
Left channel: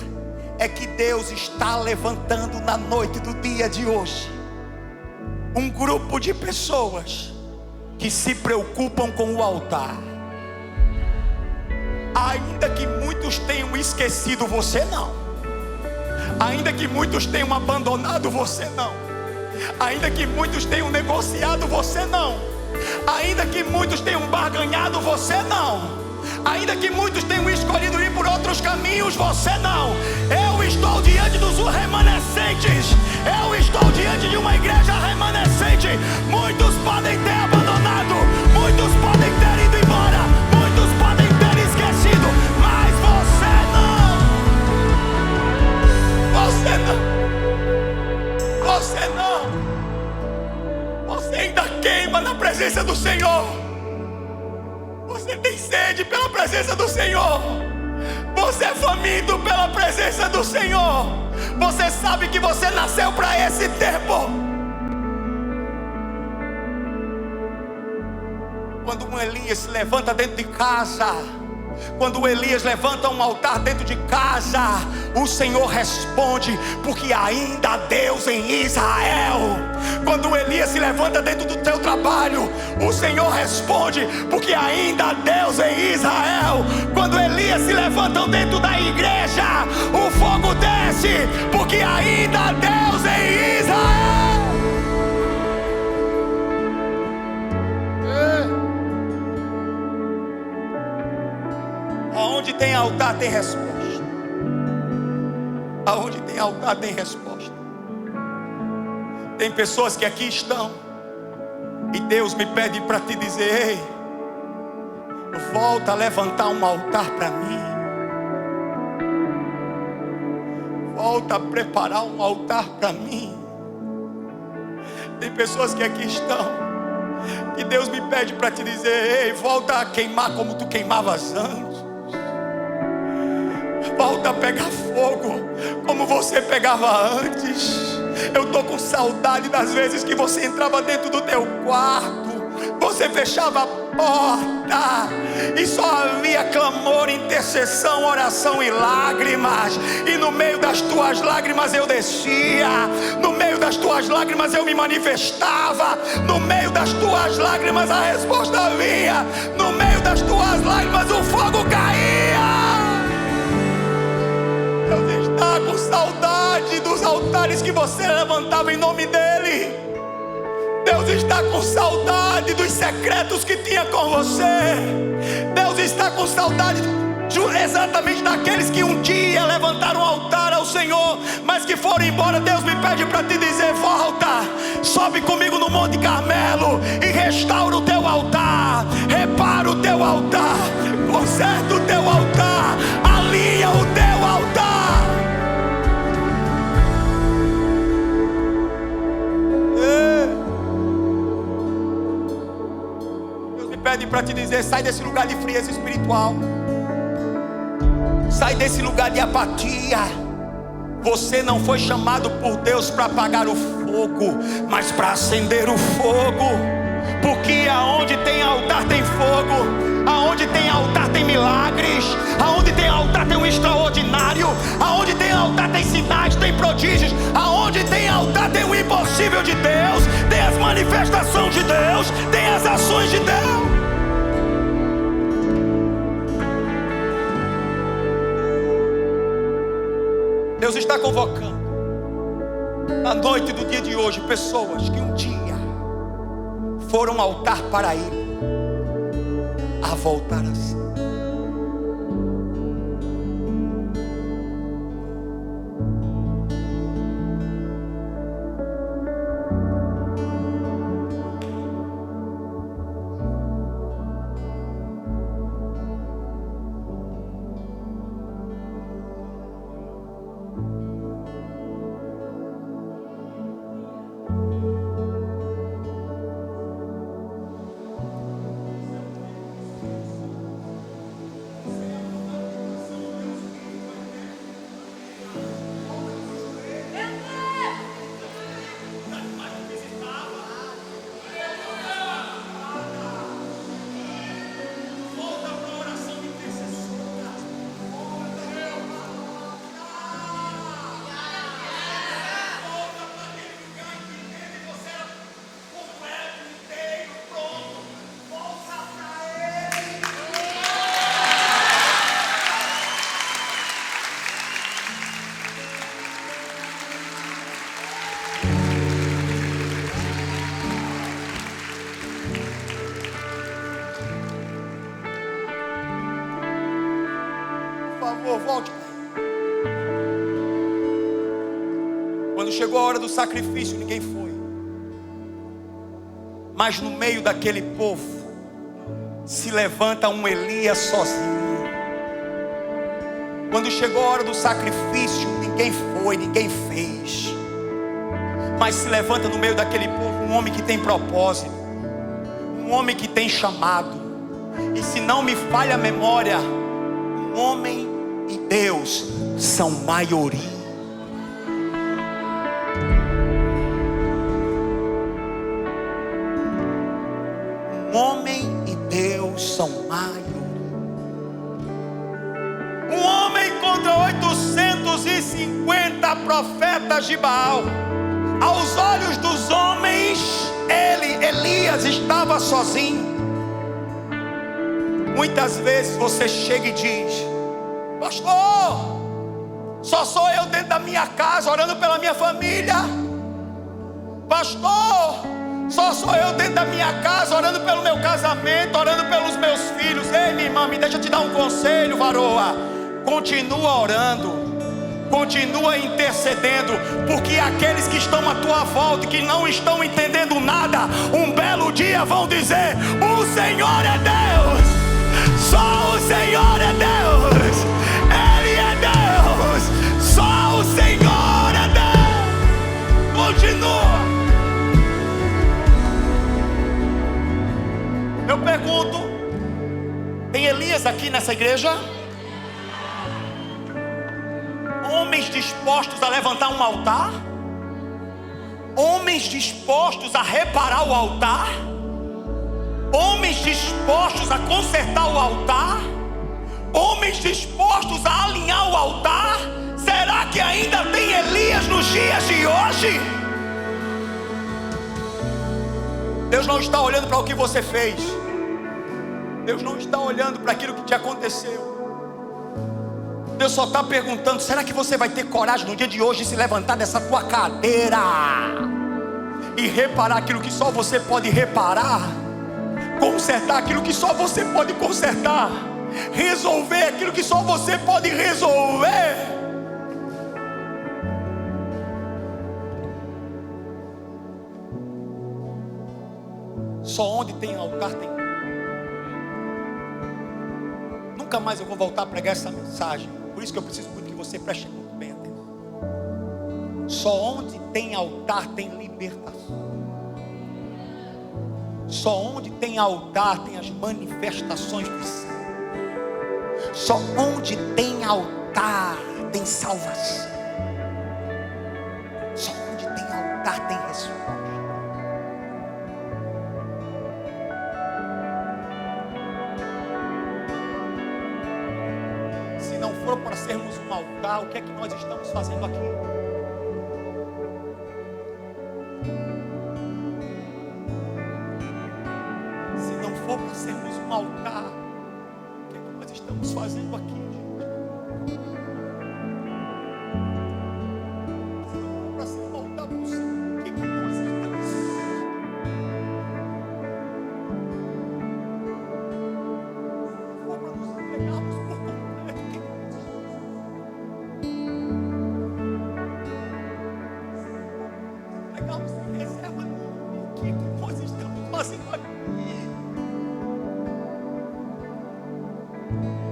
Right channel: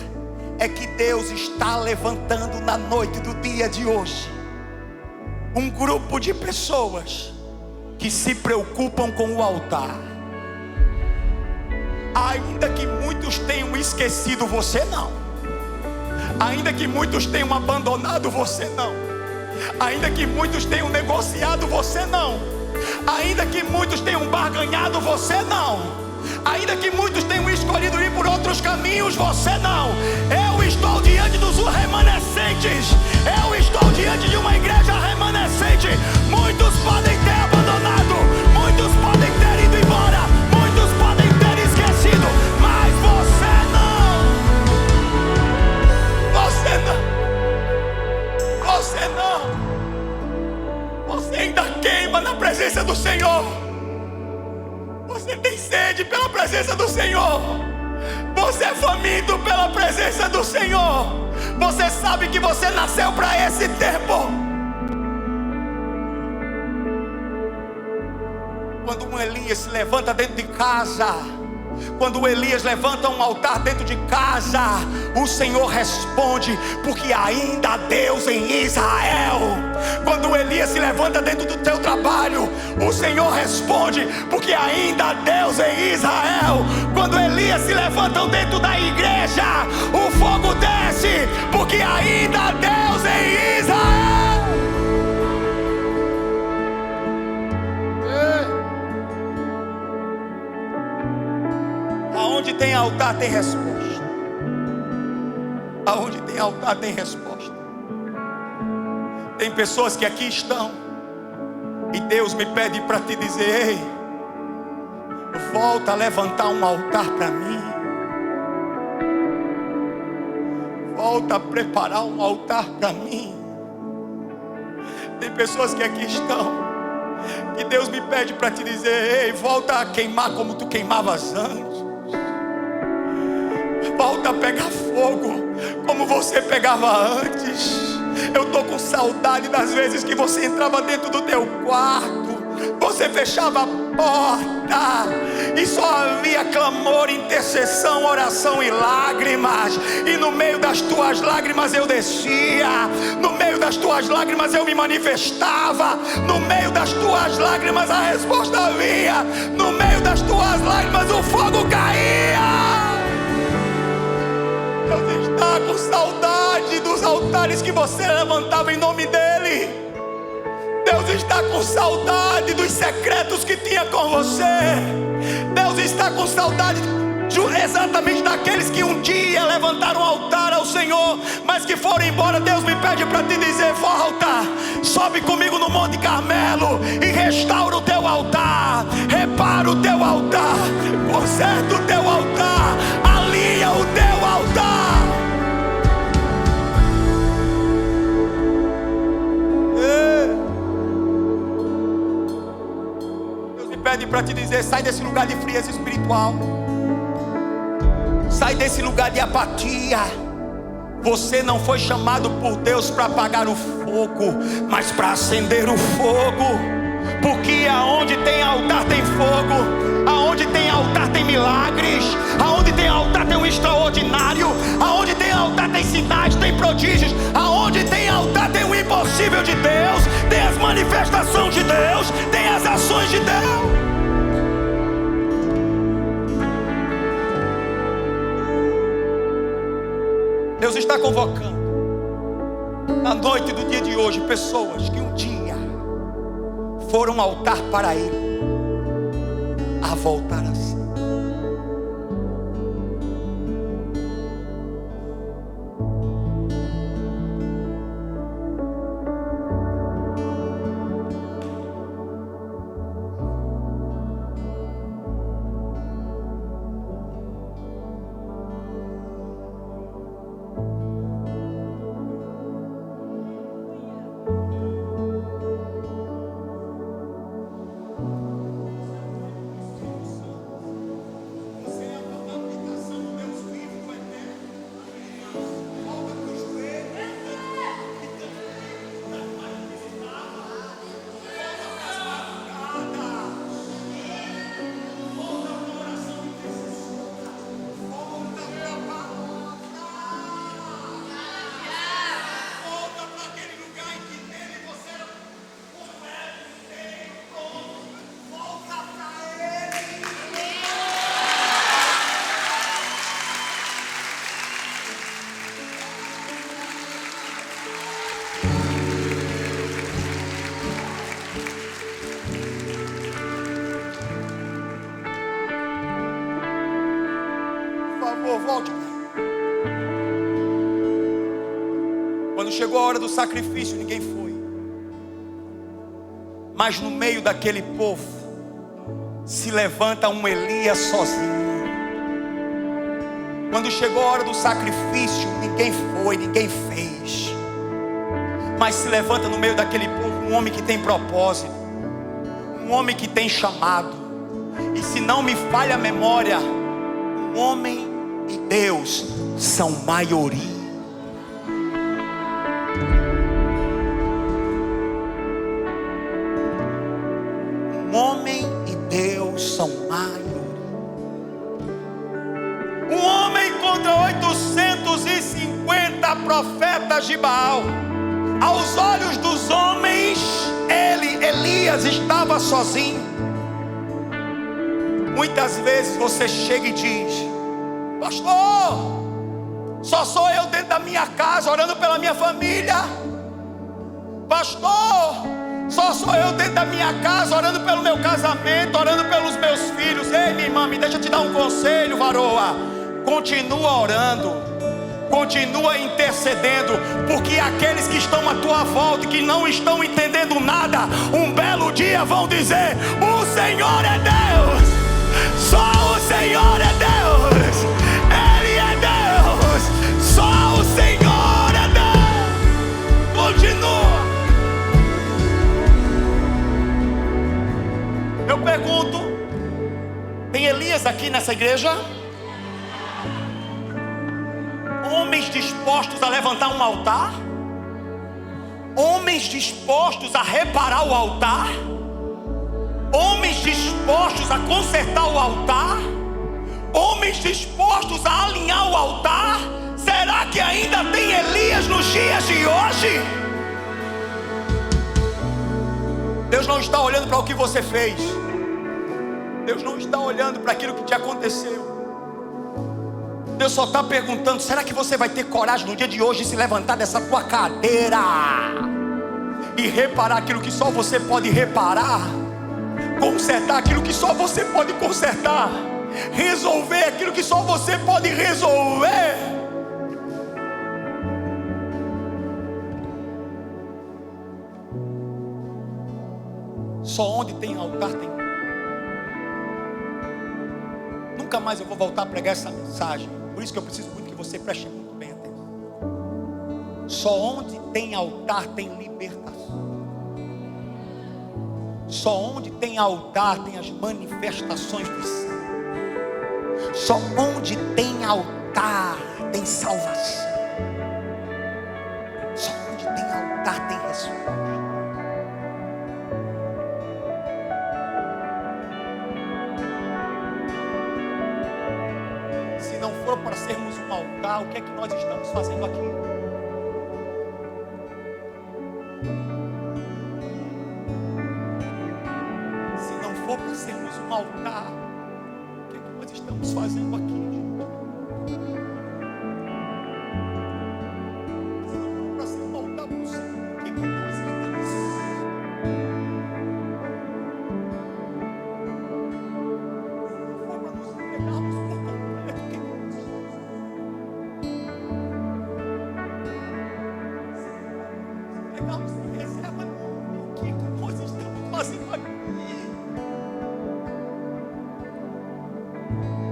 é que Deus está levantando na noite do dia de hoje um grupo de pessoas que se preocupam com o altar. Ainda que muitos tenham esquecido, você não. Ainda que muitos tenham abandonado, você não. Ainda que muitos tenham negociado, você não. Ainda que muitos tenham barganhado, você não. Ainda que muitos tenham escolhido ir por outros caminhos, você não. Eu estou diante dos remanescentes. Eu estou diante de uma igreja remanescente. Muitos podem ter abandonado, muitos podem ter ido embora, muitos podem ter esquecido, mas você não. Você não. Você não. Você ainda queima na presença do Senhor. Você tem sede pela presença do Senhor. Você é faminto pela presença do Senhor. Você sabe que você nasceu para esse tempo. Quando um Elias se levanta dentro de casa, Quando Elias levanta um altar dentro de casa, o Senhor responde, porque ainda há Deus em Israel. Quando Elias se levanta dentro do teu trabalho, o Senhor responde, porque ainda há Deus em Israel. Quando Elias se levantam dentro da igreja, o fogo desce, porque ainda há Deus em Israel. Aonde tem altar tem resposta. Aonde tem altar tem resposta. Tem pessoas que aqui estão e Deus me pede para te dizer: ei, volta a levantar um altar para mim. Volta a preparar um altar para mim. Tem pessoas que aqui estão que Deus me pede para te dizer: ei, volta a queimar como tu queimavas antes. Volta a pegar fogo como você pegava antes. Eu estou com saudade das vezes que você entrava dentro do teu quarto, você fechava a porta e só havia clamor, intercessão, oração e lágrimas. E no meio das tuas lágrimas eu descia, no meio das tuas lágrimas eu me manifestava, no meio das tuas lágrimas a resposta vinha, no meio das tuas lágrimas o fogo caía. Deus está com saudade dos altares que você levantava em nome dEle. Deus está com saudade dos secretos que tinha com você. Deus está com saudade exatamente daqueles que um dia levantaram um altar ao Senhor, mas que foram embora. Deus me pede para te dizer: volta, sobe comigo no Monte Carmelo e restaura o teu altar, repara o teu altar, conserta o teu altar, alinha o teu altar. Deus me pede para te dizer: sai desse lugar de frieza espiritual, sai desse lugar de apatia. Você não foi chamado por Deus para apagar o fogo, mas para acender o fogo. Porque aonde tem altar tem fogo, aonde tem altar tem milagres, aonde tem altar tem um extraordinário, aonde tem altar tem sinais, tem prodígios, aonde tem altar tem o impossível de Deus, tem as manifestações de Deus, tem as ações de Deus. Deus está convocando na noite do dia de hoje pessoas que um dia foram altar para Ele a voltar a ser. Por favor, volte, Pai. Quando chegou a hora do sacrifício, ninguém foi. Mas no meio daquele povo se levanta um Elias sozinho. Quando chegou a hora do sacrifício, ninguém foi, ninguém fez. Mas se levanta no meio daquele povo um homem que tem propósito, um homem que tem chamado. E se não me falha a memória, um homem e Deus são maioria. Um homem e Deus são maioria. 50 profetas de Baal. Aos olhos dos homens, Elias, estava sozinho. Muitas vezes você chega e diz: pastor, só sou eu dentro da minha casa orando pela minha família. Pastor, só sou eu dentro da minha casa orando pelo meu casamento, orando pelos meus filhos. Ei, minha irmã, me deixa te dar um conselho, varoa. Continua orando, continua intercedendo, porque aqueles que estão à tua volta e que não estão entendendo nada, um belo dia vão dizer: o Senhor é Deus, só o Senhor é Deus, Ele é Deus, só o Senhor é Deus. Continua. Eu pergunto: tem Elias aqui nessa igreja? Homens dispostos a levantar um altar? Homens dispostos a reparar o altar? Homens dispostos a consertar o altar? Homens dispostos a alinhar o altar? Será que ainda tem Elias nos dias de hoje? Deus não está olhando para o que você fez. Deus não está olhando para aquilo que te aconteceu. Deus só está perguntando: será que você vai ter coragem no dia de hoje de se levantar dessa tua cadeira e reparar aquilo que só você pode reparar, consertar aquilo que só você pode consertar, resolver aquilo que só você pode resolver? Só onde tem altar tem. Nunca mais eu vou voltar a pregar essa mensagem. Por isso que eu preciso muito que você preste muito bem atenção. Só onde tem altar tem libertação. Só onde tem altar tem as manifestações dos céus. Só onde tem altar tem salvação. Só onde tem altar tem resposta. Se não for para sermos um altar, o que é que nós estamos fazendo aqui? Se não for para sermos um altar, o que é que nós estamos fazendo aqui, gente? Se não for para ser um altar para o Senhor, o que é que nós estamos fazendo aqui? Se não for para nos entregarmos por completo, o que é que nós estamos fazendo? Entregarmos sem reserva nenhuma, o que é que nós estamos fazendo aqui?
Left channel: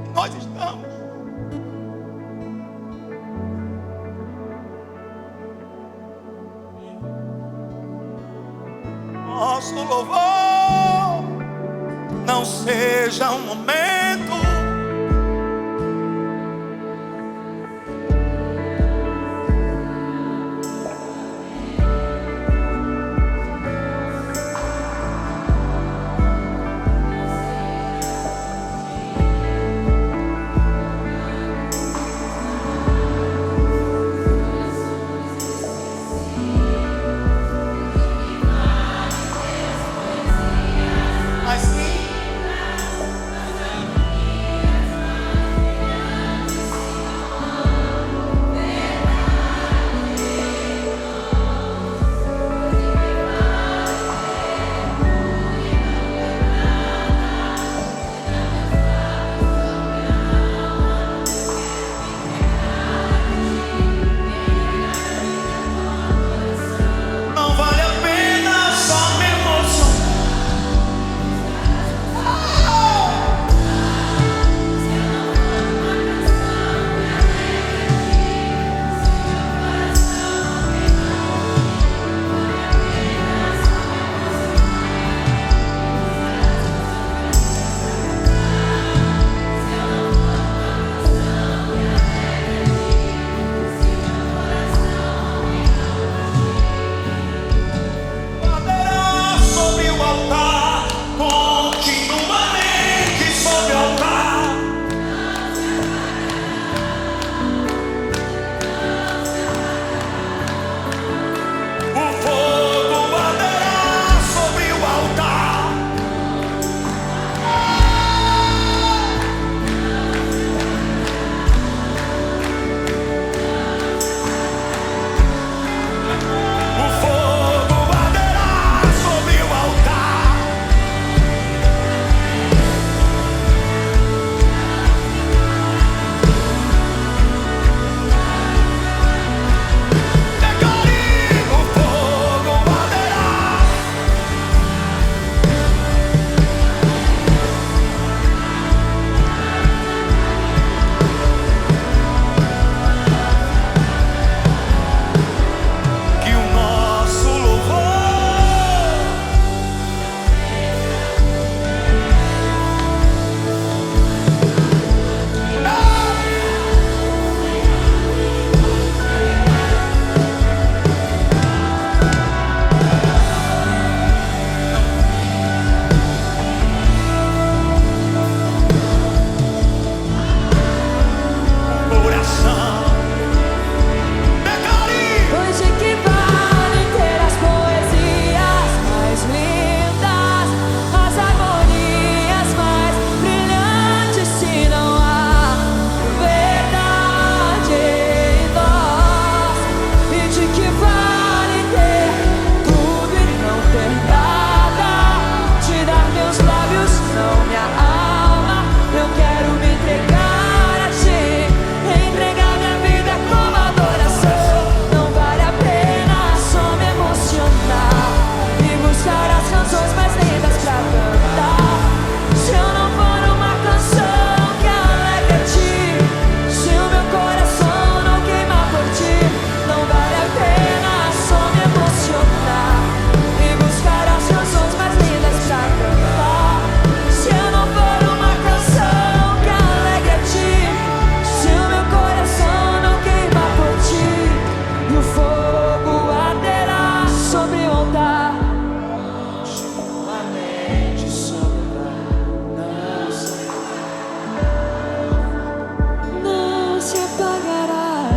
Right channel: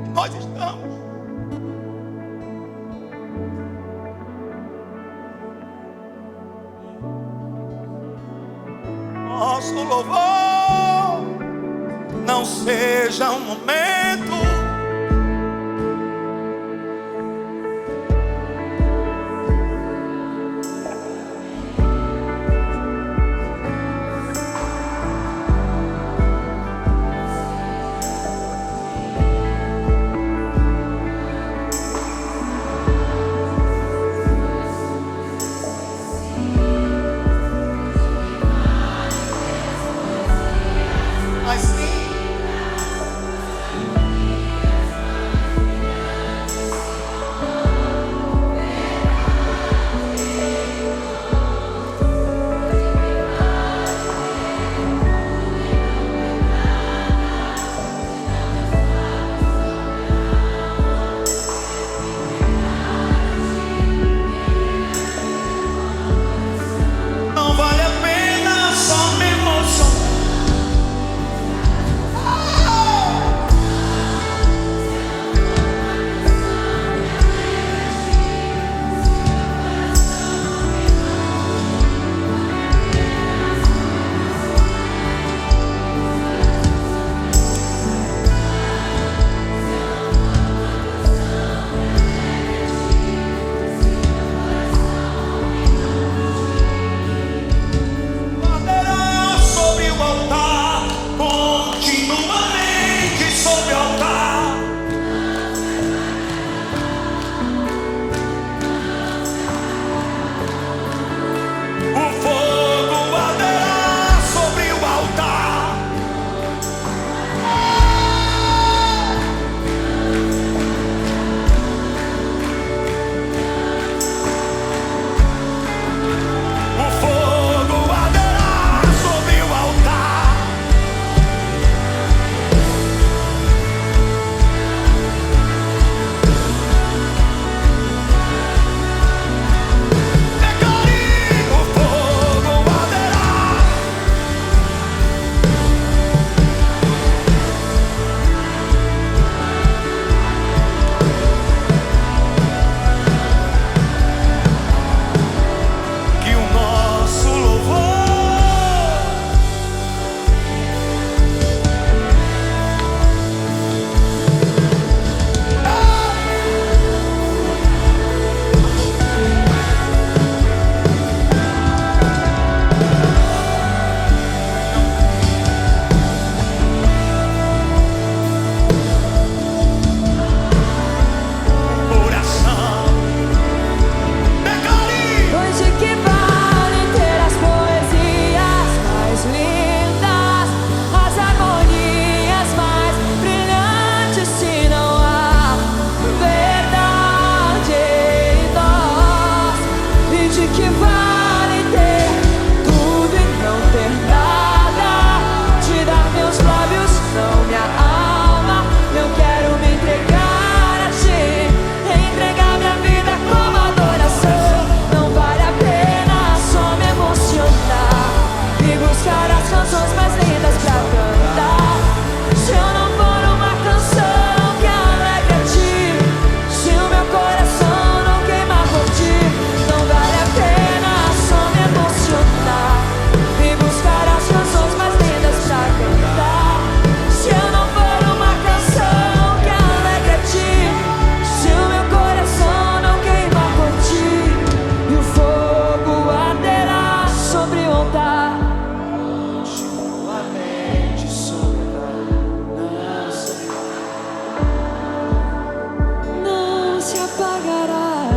E nós estamos nosso louvor não seja um momento mais lindo. Não vale a pena só me emocionar. O fogo arderá sobre o altar. O fogo arderá sobre o altar. Declare: o fogo arderá. Que o nosso louvor o coração. Declare: Pois de que vale ter as poesias mais lindas, as harmonias mais brilhantes, se não há verdade em nós? E de que vale ter tudo e não ter nada? Te dar meus lábios, não minha alma. Eu quero me entregar a ti, entregar minha vida como adoração. Não vale a pena só me emocionar e buscar as canções mais lindas pra cantar, se eu não for uma canção que alegre a ti, se o meu coração não queimar por ti. Não vale a pena só me emocionar e buscar as canções mais lindas pra cantar, se eu não for uma canção que alegre a ti, se o meu coração não queimar por ti. E o fogo arderá sobre o altar, continuamente sobre o altar, não se apagará.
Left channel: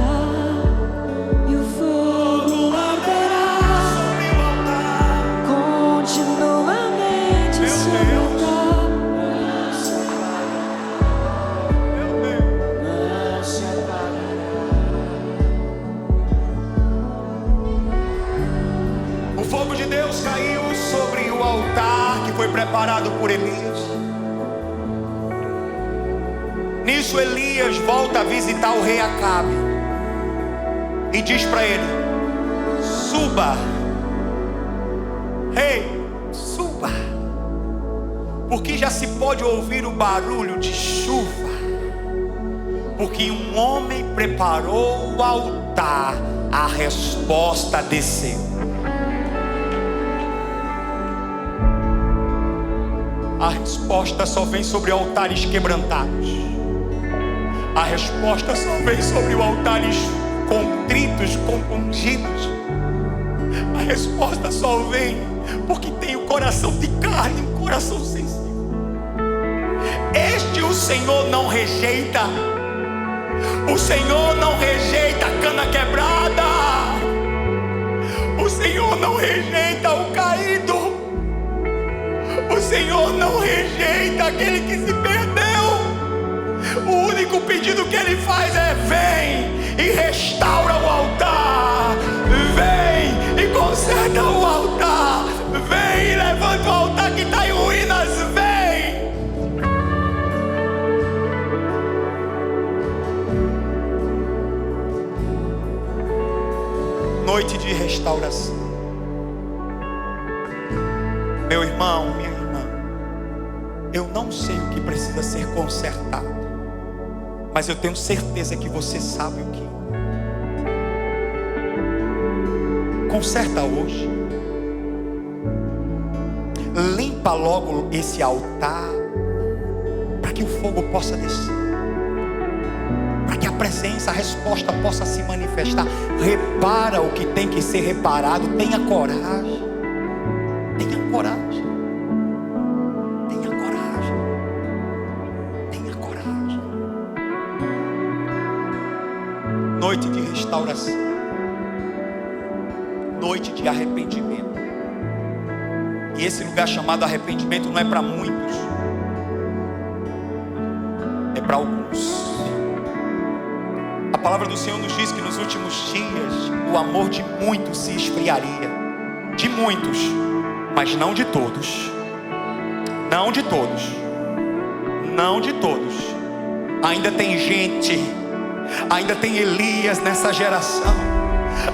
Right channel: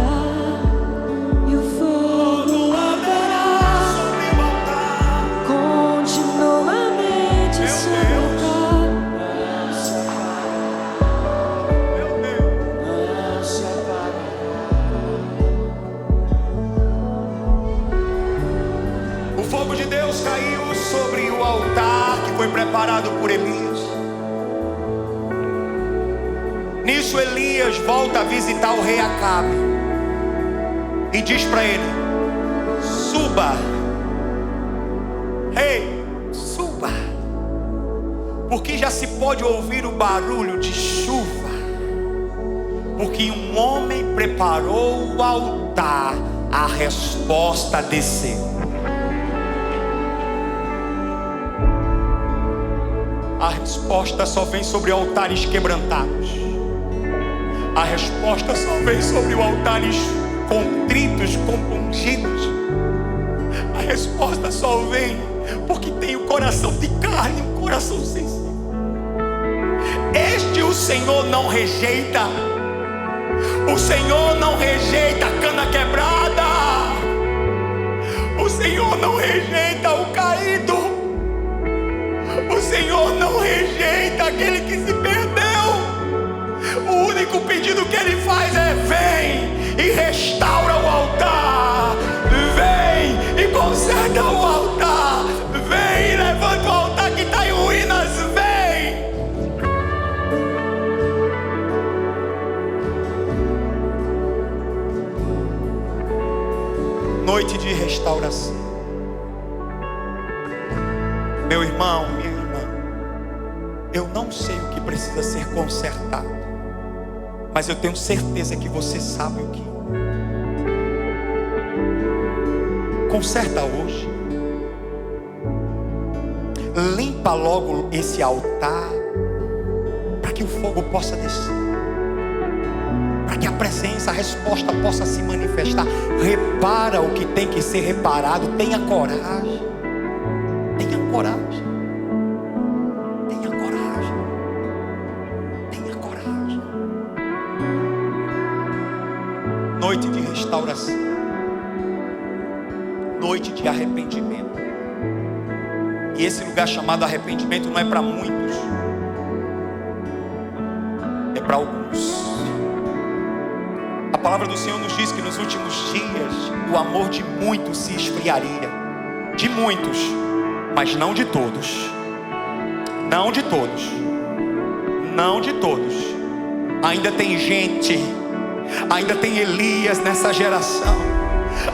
E o fogo arderá sobre o altar. continuamente Meu sobre o Deus. altar, Não se apagará. Meu Deus. não se apagará. O fogo de Deus caiu sobre o altar que foi preparado por Elias. Nisso Elias volta a visitar o rei Acabe e diz para ele: suba, rei, suba, porque já se pode ouvir o barulho de chuva, porque um homem preparou o altar, a resposta desceu. A resposta só vem sobre altares quebrantados. A resposta só vem sobre altares contritos, compungidos. A resposta só vem porque tem o coração de carne, um coração sensível. Este o Senhor não rejeita. O Senhor não rejeita a cana quebrada. O Senhor não rejeita o caído. O Senhor não rejeita aquele que se perdeu. O único pedido que Ele faz é: vem e restaura o altar. Vem e conserta o altar. Vem e levanta o altar que está em ruínas. Vem. Noite de restauração. Meu irmão, minha irmã, eu não sei o que precisa ser consertado, mas eu tenho certeza que você sabe o que. Conserta hoje. Limpa logo esse altar, para que o fogo possa descer, para que a presença, a resposta possa se manifestar. Repara o que tem que ser reparado. Tenha coragem. Tenha coragem. Tenha coragem. Tenha coragem. Noite de restauração. noite de arrependimento. E esse lugar chamado arrependimento não é para muitos, é para alguns. A palavra do Senhor nos diz que nos últimos dias o amor de muitos se esfriaria. De muitos, mas não de todos. Não de todos. Não de todos. Ainda tem gente, ainda tem Elias nessa geração,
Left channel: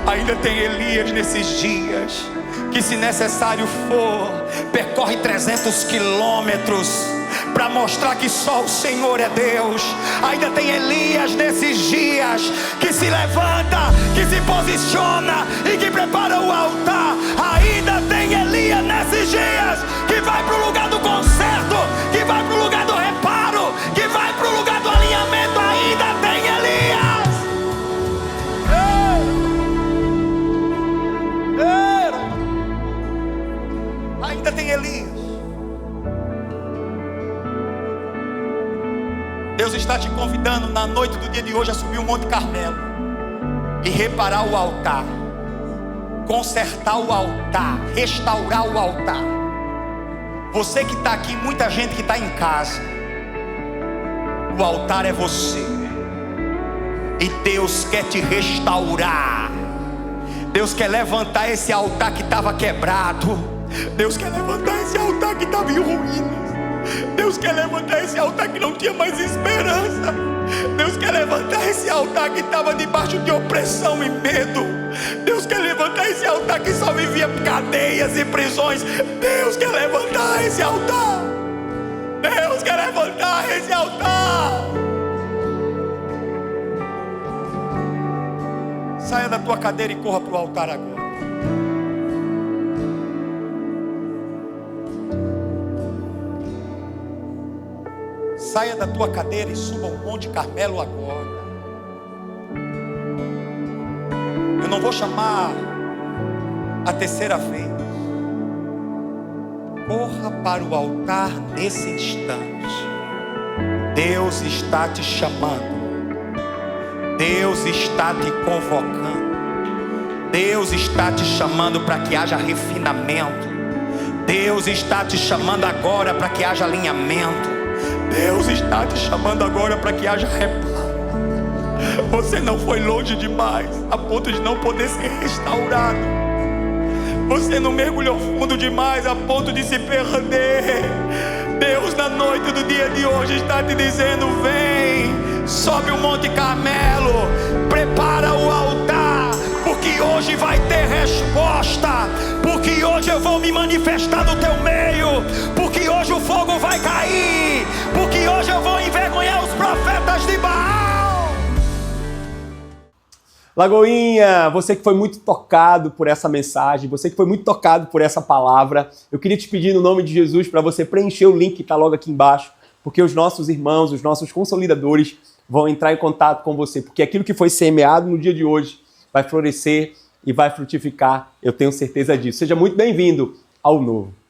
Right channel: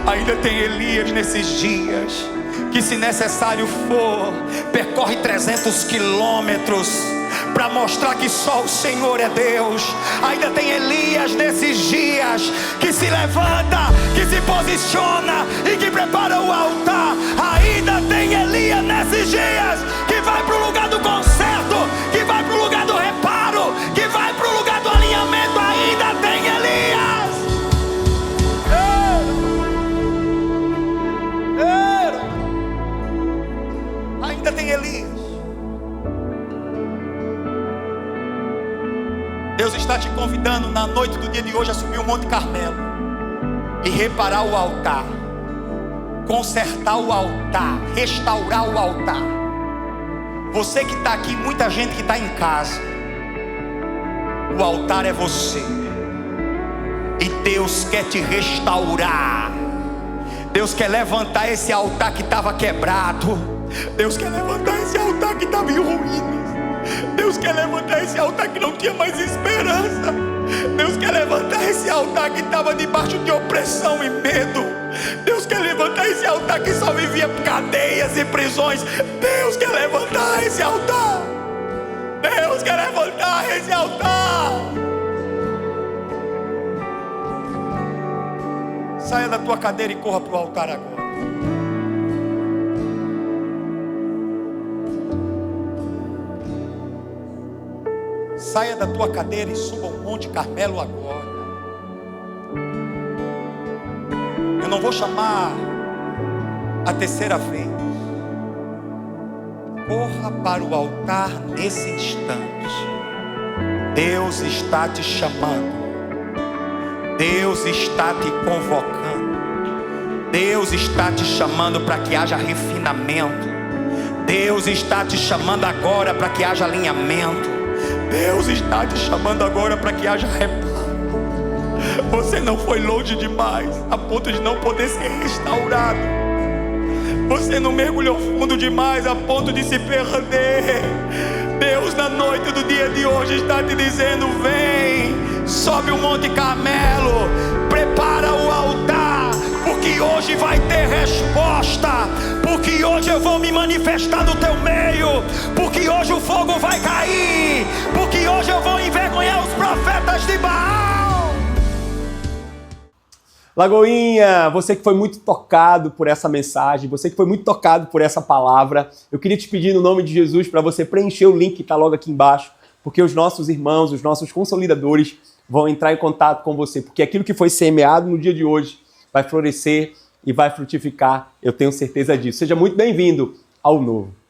ainda tem Elias nesses dias, que se necessário for, percorre 300 quilômetros para mostrar que só o Senhor é Deus. Ainda tem Elias nesses dias, que se levanta, que se posiciona e que prepara o altar. Ainda tem Elias nesses dias, que vai para o lugar do conserto, que vai para o lugar do reparo, que vai para o lugar do alinhamento. Ainda tem Elias. Ainda tem Elias. Deus está te convidando na noite do dia de hoje a subir o Monte Carmelo e reparar o altar, consertar o altar, restaurar o altar. Você que está aqui, muita gente que está em casa, o altar é você, e Deus quer te restaurar. Deus quer levantar esse altar que estava quebrado. Deus quer levantar esse altar que estava em ruínas. Deus quer levantar esse altar que não tinha mais esperança. Deus quer levantar esse altar que estava debaixo de opressão e medo. Deus quer levantar esse altar que só vivia cadeias e prisões. Deus quer levantar esse altar. Deus quer levantar esse altar. Saia da tua cadeira e corra para o altar agora. Saia da tua cadeira e suba o Monte Carmelo agora. Eu não vou chamar a terceira vez. Corra para o altar nesse instante. Deus está te chamando. Deus está te convocando. Deus está te chamando para que haja refinamento. Deus está te chamando agora para que haja alinhamento. Deus está te chamando agora para que haja reparo. Você não foi longe demais a ponto de não poder ser restaurado. Você não mergulhou fundo demais a ponto de se perder. Deus, na noite do dia de hoje, está te dizendo: vem, sobe o Monte Carmelo, prepara o altar, porque hoje vai ter resposta, porque hoje eu vou me manifestar no teu meio, porque hoje o fogo vai cair, porque hoje eu vou envergonhar os profetas de Baal. Lagoinha, você que foi muito tocado por essa mensagem, você que foi muito tocado por essa palavra, eu queria te pedir no nome de Jesus para você preencher o link que está logo aqui embaixo, porque os nossos irmãos, os nossos consolidadores vão entrar em contato com você, porque aquilo que foi semeado no dia de hoje vai florescer e vai frutificar, eu tenho certeza disso. Seja muito bem-vindo ao novo.